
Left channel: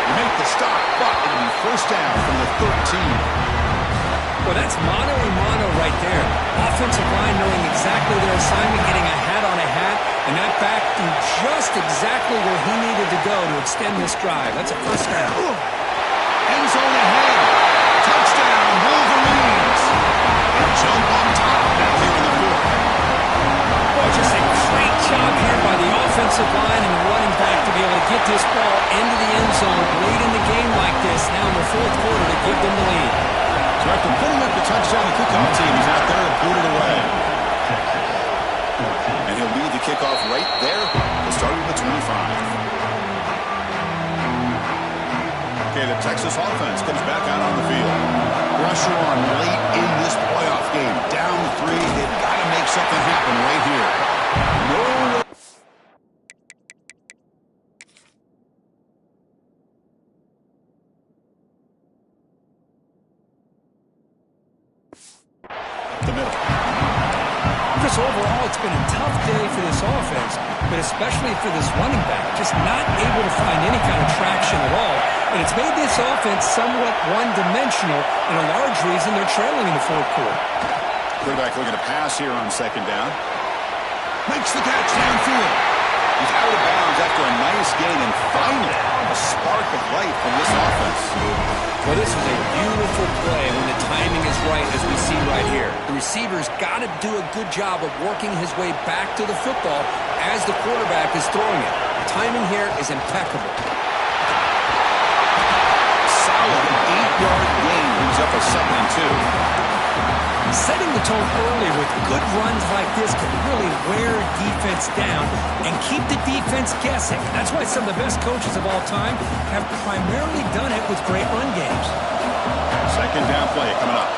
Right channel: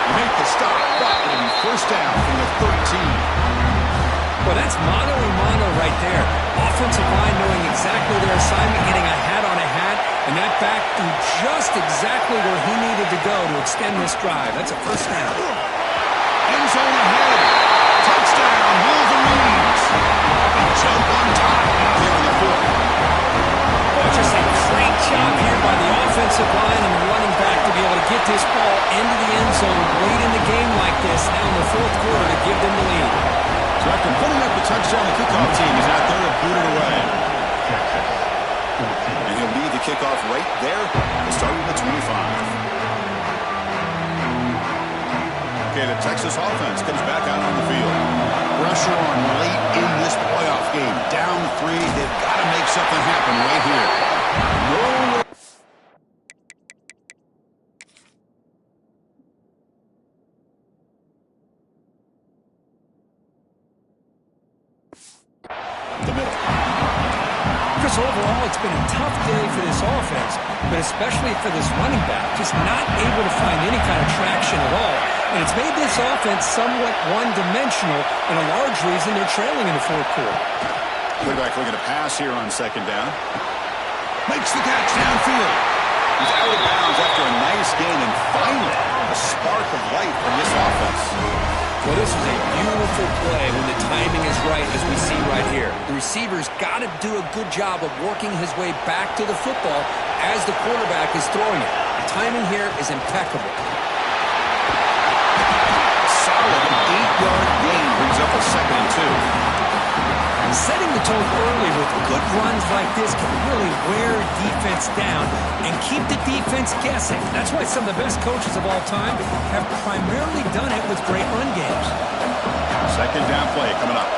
They make the stop, but it'll be first down from the 13. Well, that's mano-a-mano right there. Offensive line knowing exactly their assignment, getting a hat on a hat, and that back to just exactly where he needed to go to extend this drive. That's a first down. End zone ahead. Touchdown, Wolverines. They jump on top now here in the fourth. Boy, just a great job here by the offensive line and the running back to be able to get this ball into the end zone late in the game like this, now in the fourth quarter to give them the lead. So after putting up the touchdown, the kickoff team, he's out there to boot it away. And he'll lead the kickoff right there. He'll start at the 25. Okay, the Texas offense comes back out on the field. Pressure on late in this playoff game. Down 3. They've got to make something happen right here. No. The middle. Chris, overall, it's been a tough day for this offense, but especially for this running back. Just not able to find any kind of traction at all. And it's made this offense somewhat one-dimensional, and a large reason they're trailing in the fourth quarter. Quarterback looking to pass here on second down. Makes the catch downfield. He's out of bounds after a nice gain, and finally a spark of life from this offense. Well, this is a beautiful play when the timing is right, as we see right here. The receiver's got to do a good job of working his way back to the football as the quarterback is throwing it. The timing here is impeccable. Solid 8-yard gain brings up a 2nd and 2. Setting the tone early with good runs like this can really wear a defense down and keep the defense guessing. That's why some of the best coaches of all time have primarily done it with great run games. Second down play coming up.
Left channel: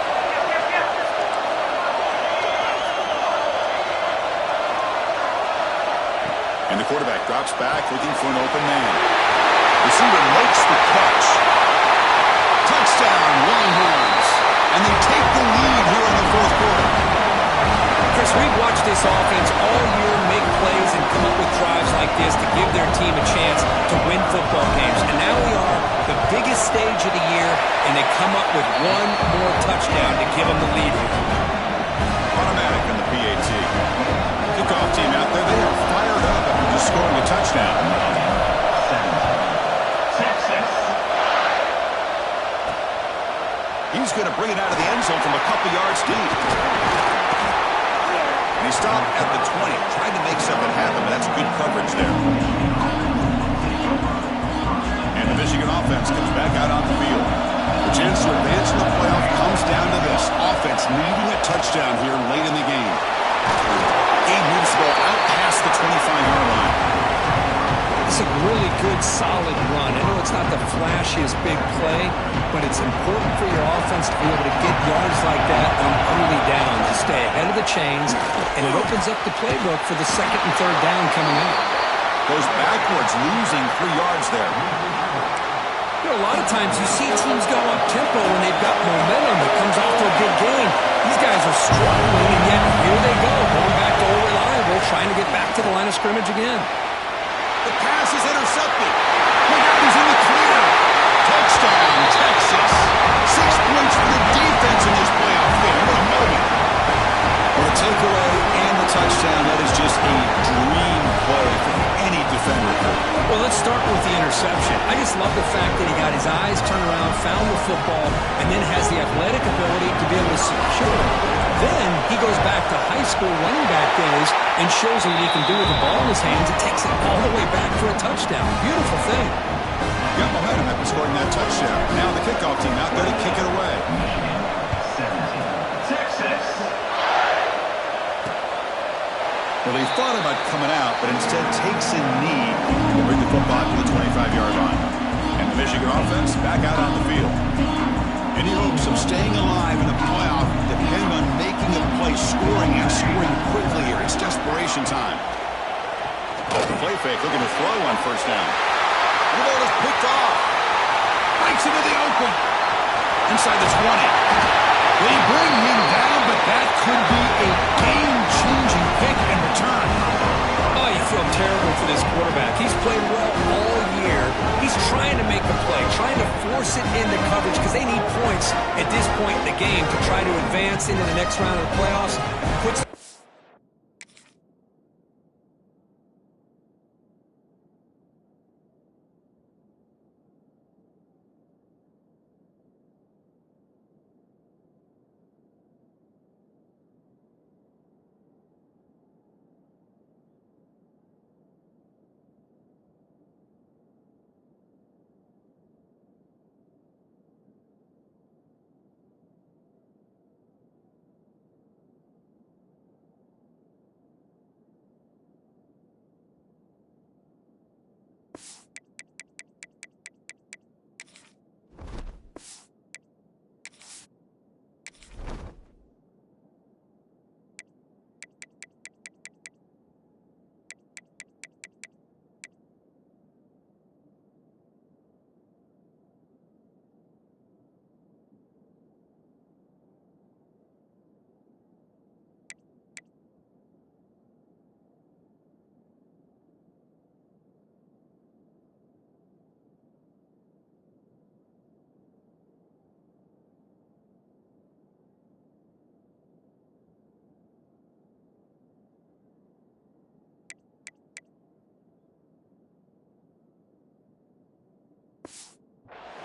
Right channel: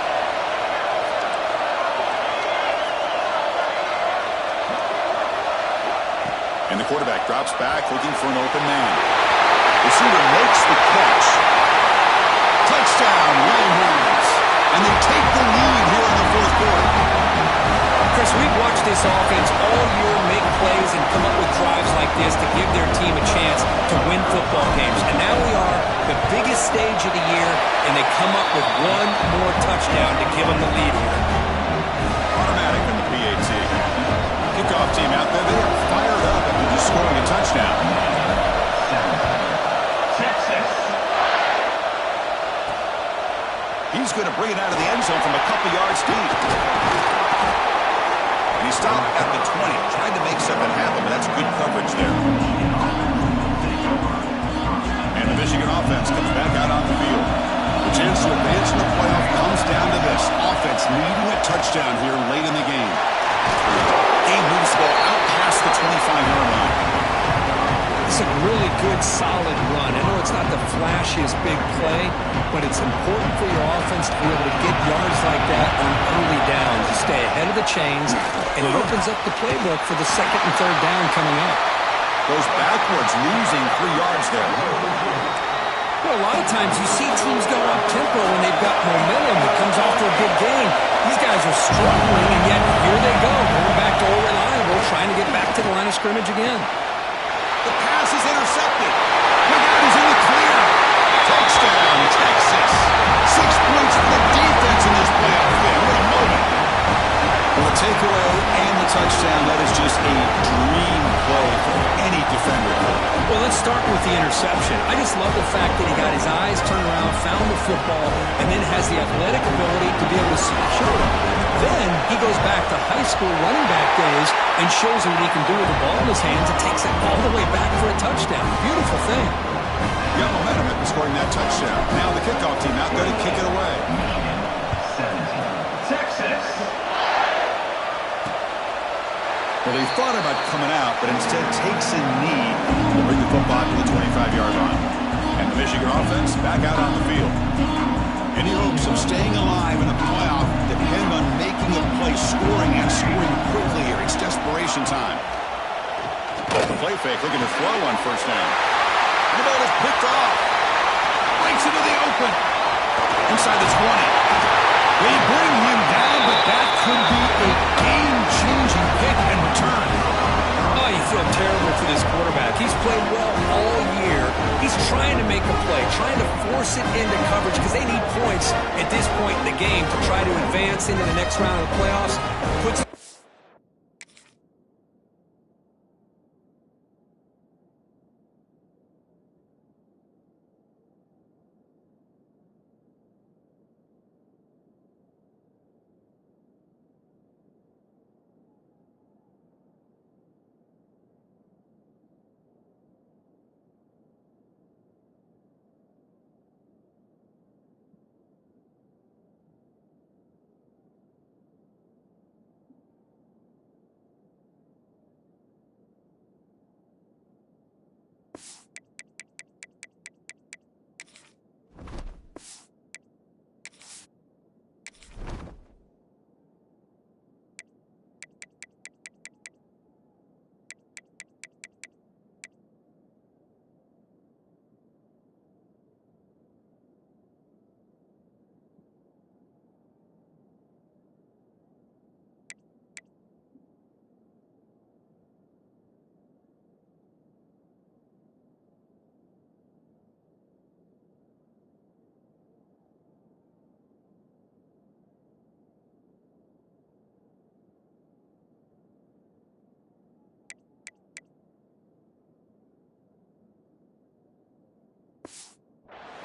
And the quarterback drops back looking for an open man. Receiver makes the catch. Touchdown, Longhorns. And they take the lead here in the fourth quarter. Chris, we've watched this offense all year make plays and come up with drives like this to give their team a chance to win football games. And now we are the biggest stage of the year, and they come up with one more touchdown to give them the lead here. Automatic in the PAT. Kickoff team out there, they are fired up after just scoring a touchdown. Texas. He's going to bring it out of the end zone from a couple yards deep. And he stopped at the 20, trying to make something happen, but that's good coverage there. And the Michigan offense comes back out on the field. The chance to advance in the playoff comes down to this. Offense needing a touchdown here late in the game. Game moves the ball out past the 25-yard line. It's a really good, solid run. I know it's not the flashiest big play, but it's important for your offense to be able to get yards like that on early downs. You stay ahead of the chains, and it opens up the playbook for the second and third down coming up. Goes backwards, losing 3 yards there. You know, a lot of times you see teams go up-tempo when they've got momentum that comes off for a big gain. These guys are struggling, and yet here they go, going back to old reliable, trying to get back to the line of scrimmage again. The pass is intercepted. Look out, he's in the clear. Touchdown, Texas. 6 points for the defense in this playoff game. What a moment. Well, the takeaway and the touchdown, that is just a dream play for any defender. Well, let's start with the interception. I just love the fact that he got his eyes turned around, found the football, and then has the athletic ability to be able to secure it. Then he goes back to high school running back days and shows what he can do with the ball in his hands and takes it all the way back for a touchdown. Beautiful thing. Got momentum after scoring that touchdown. Now the kickoff team out there to kick it away. Texas. Well, he thought about coming out, but instead takes a knee to bring the football to the 25-yard line. And the Michigan offense back out on the field. Any hopes of staying alive in a playoff depend on making a play, scoring and scoring quickly here. It's desperation time. The play fake looking to throw on first down. And the ball is picked off. Breaks into the open. Inside the 20. They bring him down, but that could be a game-changing pick and return. Oh, you feel terrible for this quarterback. He's played well all year. He's trying to make a play, trying to force it into coverage because they need points at this point in the game to try to advance into the next round of the playoffs. Puts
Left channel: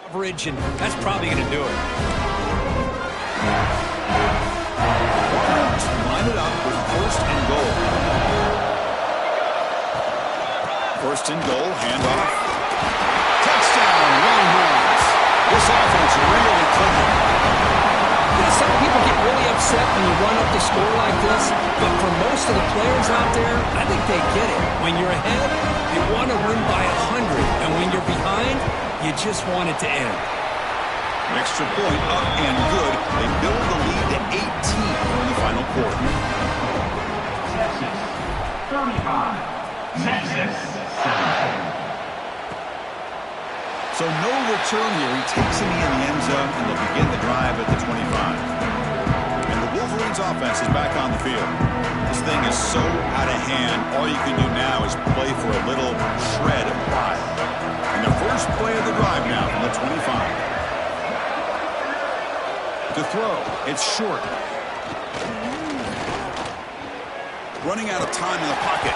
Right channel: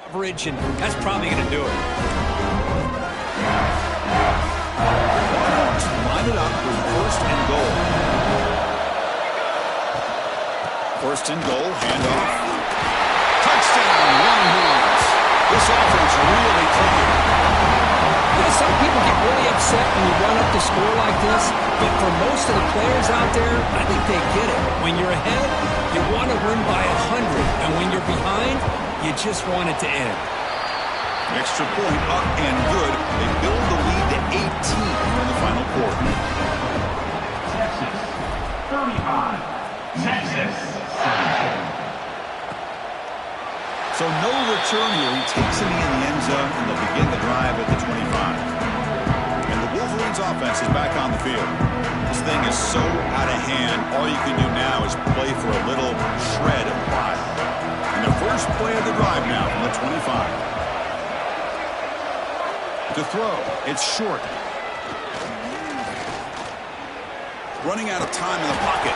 coverage, and that's probably going to do it. Longhorns line it up with 1st and goal. 1st and goal, handoff. Touchdown, Longhorns. This offense really clicking. You know, some people get really upset when you run up the score like this, but for most of the players out there, I think they get it. When you're ahead, you want to win by 100, and when you're behind, you just want it to end. Extra point up and good. They build the lead to 18 here in the final quarter. Texas 35, Texas 17. So no return here. He takes it in the end zone, and they'll begin the drive at the 25. And the Wolverines offense is back on the field. This thing is so out of hand, all you can do now is play for a little shred of pride. And the first play of the drive now from the 25. To throw, it's short. Running out of time in the pocket.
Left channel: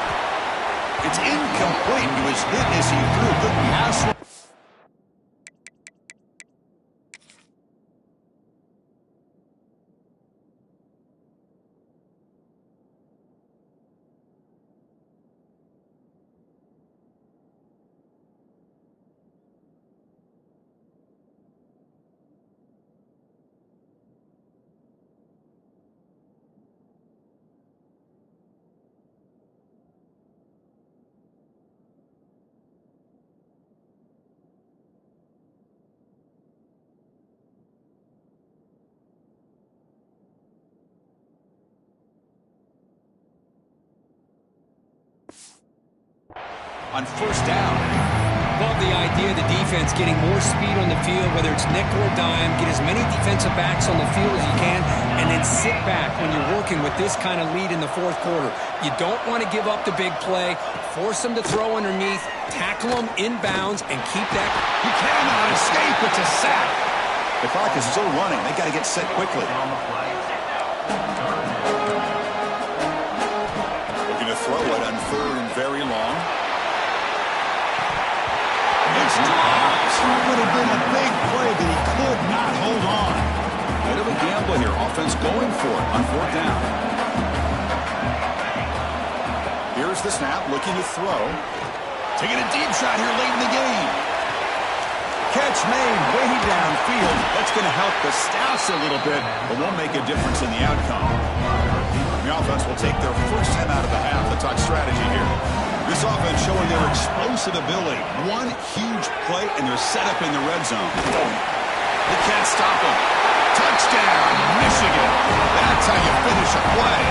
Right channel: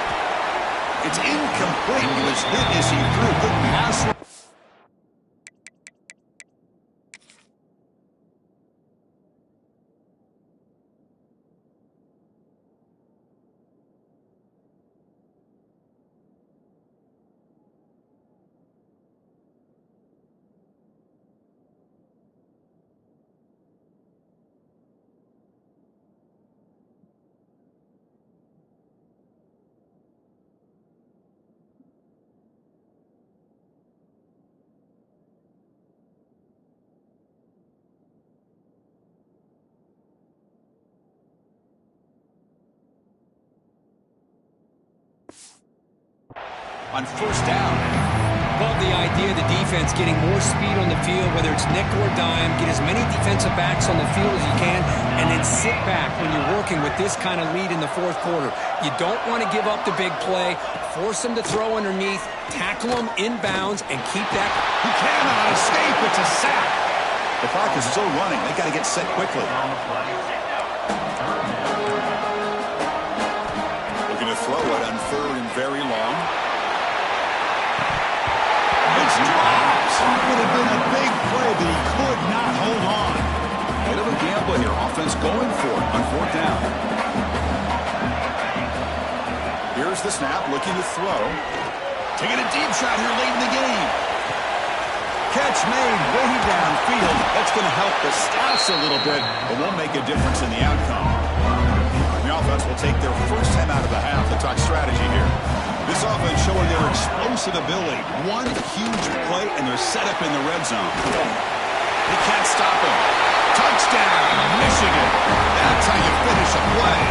It's incomplete. He was hit as he threw. Good pass. On 1st down. Love the idea of the defense getting more speed on the field, whether it's nickel or dime, get as many defensive backs on the field as you can, and then sit back when you're working with this kind of lead in the 4th quarter. You don't want to give up the big play, force them to throw underneath, tackle them inbounds, and keep that. He cannot escape. It's a sack. The clock is still running. They got to get set quickly. Looking to throw it on 3rd and very long. It's dropped. Would have been a big play, but he could not hold on. Bit of a gamble here. Offense going for it on 4th down. Here's the snap, looking to throw. Taking a deep shot here late in the game. Catch made way downfield. That's going to help the Staffs a little bit, but won't make a difference in the outcome. The offense will take their first time out of the half. The talk strategy here. This offense showing their explosive ability. One huge play, and they're set up in the red zone. They can't stop him. Touchdown, Michigan. That's how you finish a play.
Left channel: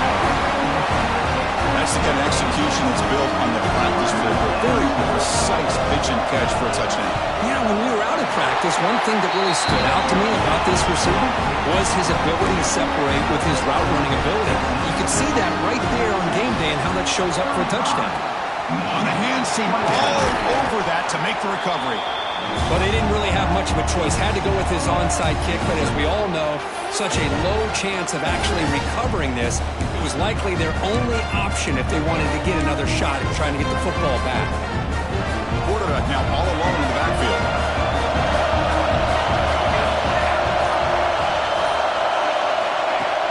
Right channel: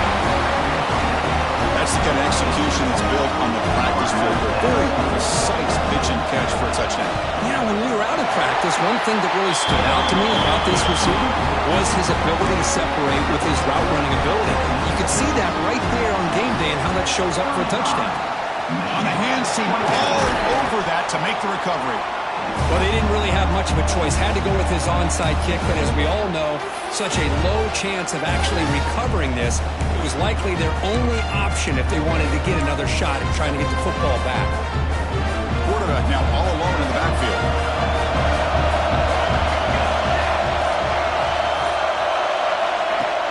That's the kind of execution that's built on the practice field. A very precise pitch and catch for a touchdown. Yeah, when we were out of practice, one thing that really stood out to me about this receiver was his ability to separate with his route running ability. You could see that right there on game day and how that shows up for a touchdown. On the hand seam, all over that to make the recovery. Well, they didn't really have much of a choice. Had to go with his onside kick, but as we all know, such a low chance of actually recovering this. It was likely their only option if they wanted to get another shot at trying to get the football back. Quarterback now all alone in the backfield.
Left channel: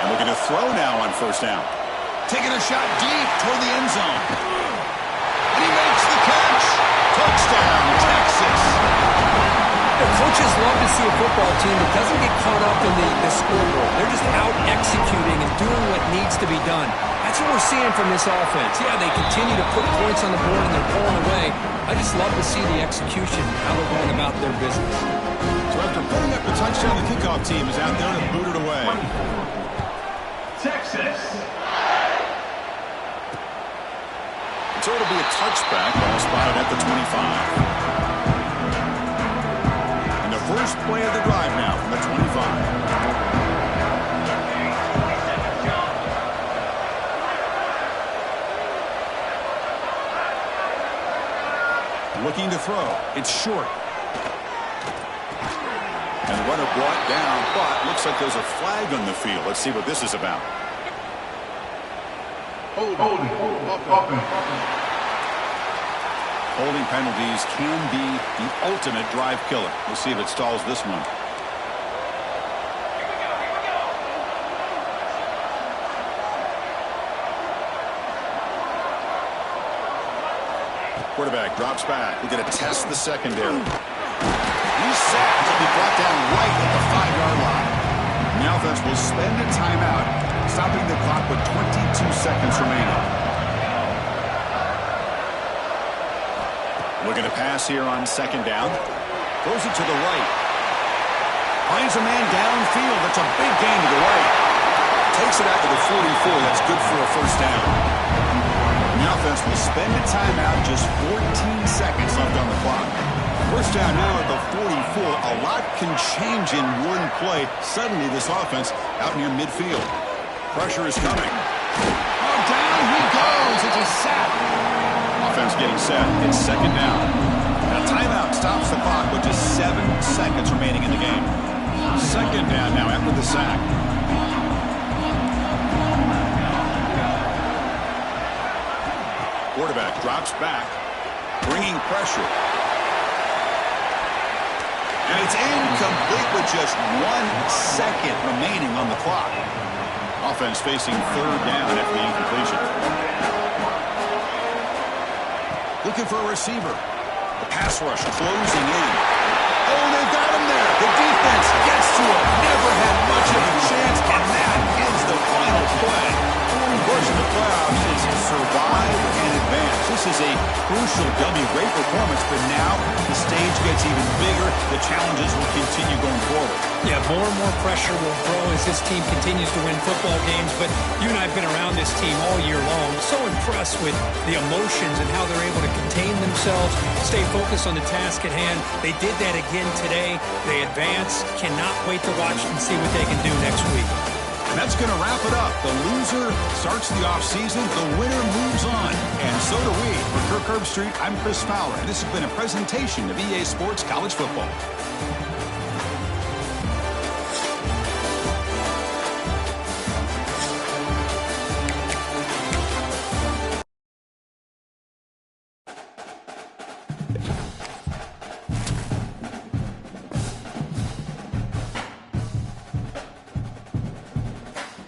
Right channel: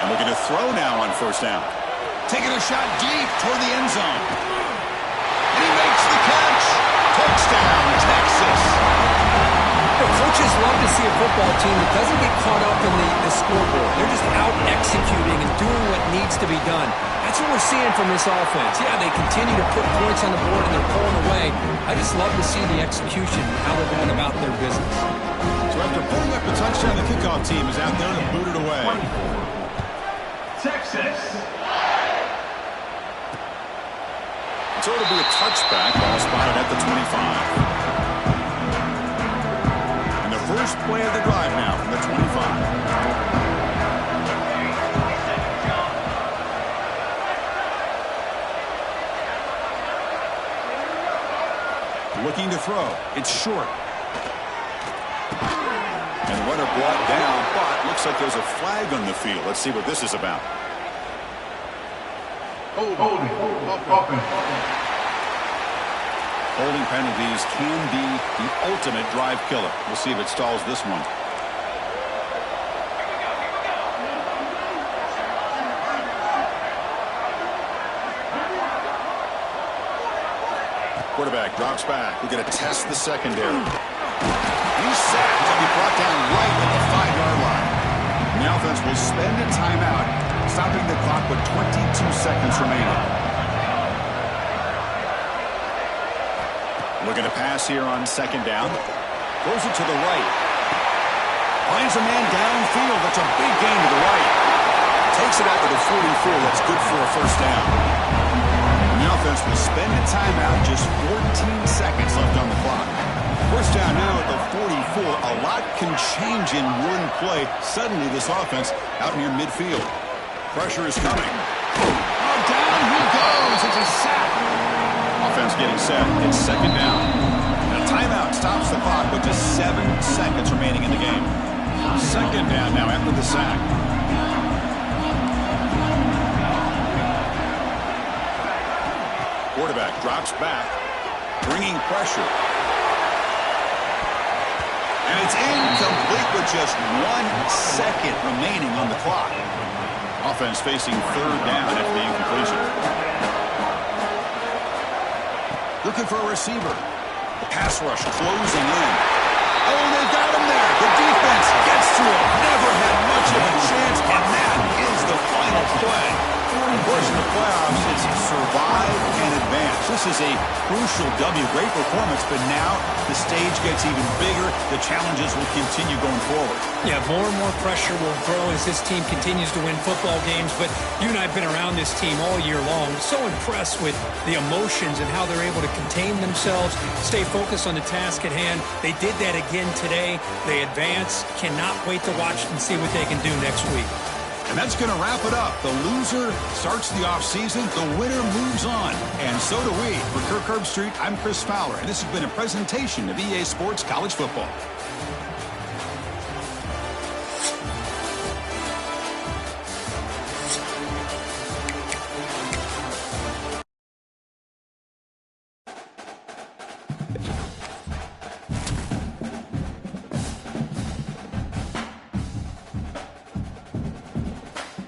And looking to throw now on 1st down. Taking a shot deep toward the end zone. And he makes the catch. Touchdown, Texas. You know, coaches love to see a football team that doesn't get caught up in the scoreboard. They're just out executing and doing what needs to be done. That's what we're seeing from this offense. Yeah, they continue to put points on the board and they're pulling away. I just love to see the execution, how they're going about their business. So after putting up the touchdown, the kickoff team is out there to boot it away. Texas. So it'll be a touchback, ball spotted at the 25. And the first play of the drive now from the 25. Looking to throw. It's short. And the runner brought down, but looks like there's a flag on the field. Let's see what this is about. Holding penalties can be the ultimate drive killer. We'll see if it stalls this one. Quarterback drops back. We're going to test the secondary. He's sacked. He'll be brought down right at the 5-yard line. And the offense will spend a timeout, stopping the clock with 22 seconds remaining. Looking to pass here on second down. Throws it to the right. Finds a man downfield. That's a big gain to the right. Takes it out to the 44. That's good for a first down. And the offense will spend a timeout, just 14 seconds left on the clock. First down now at the 44. A lot can change in one play. Suddenly this offense out near midfield. Pressure is coming. Oh, down he goes. It's a sack. Offense getting set. It's second down. A timeout stops the clock with just 7 seconds remaining in the game. Second down now after the sack. Quarterback drops back, bringing pressure. And it's incomplete with just 1 second remaining on the clock. Offense facing third down after the incompletion. Looking for a receiver. The pass rush closing in. Oh, they've got him there. The defense gets to him. Never had much of a chance, and that is the final play. Of course, in the playoffs, it's survive and advance. This is a crucial W. Great performance, but now the stage gets even bigger. The challenges will continue going forward. Yeah, more and more pressure will grow as this team continues to win football games. But you and I have been around this team all year long. So impressed with the emotions and how they're able to contain themselves, stay focused on the task at hand. They did that again today. They advance. Cannot wait to watch and see what they can do next week. And that's going to wrap it up. The loser starts the offseason. The winner moves on. And so do we. For Kirk Herbstreit, I'm Chris Fowler. And this has been a presentation of EA Sports College Football.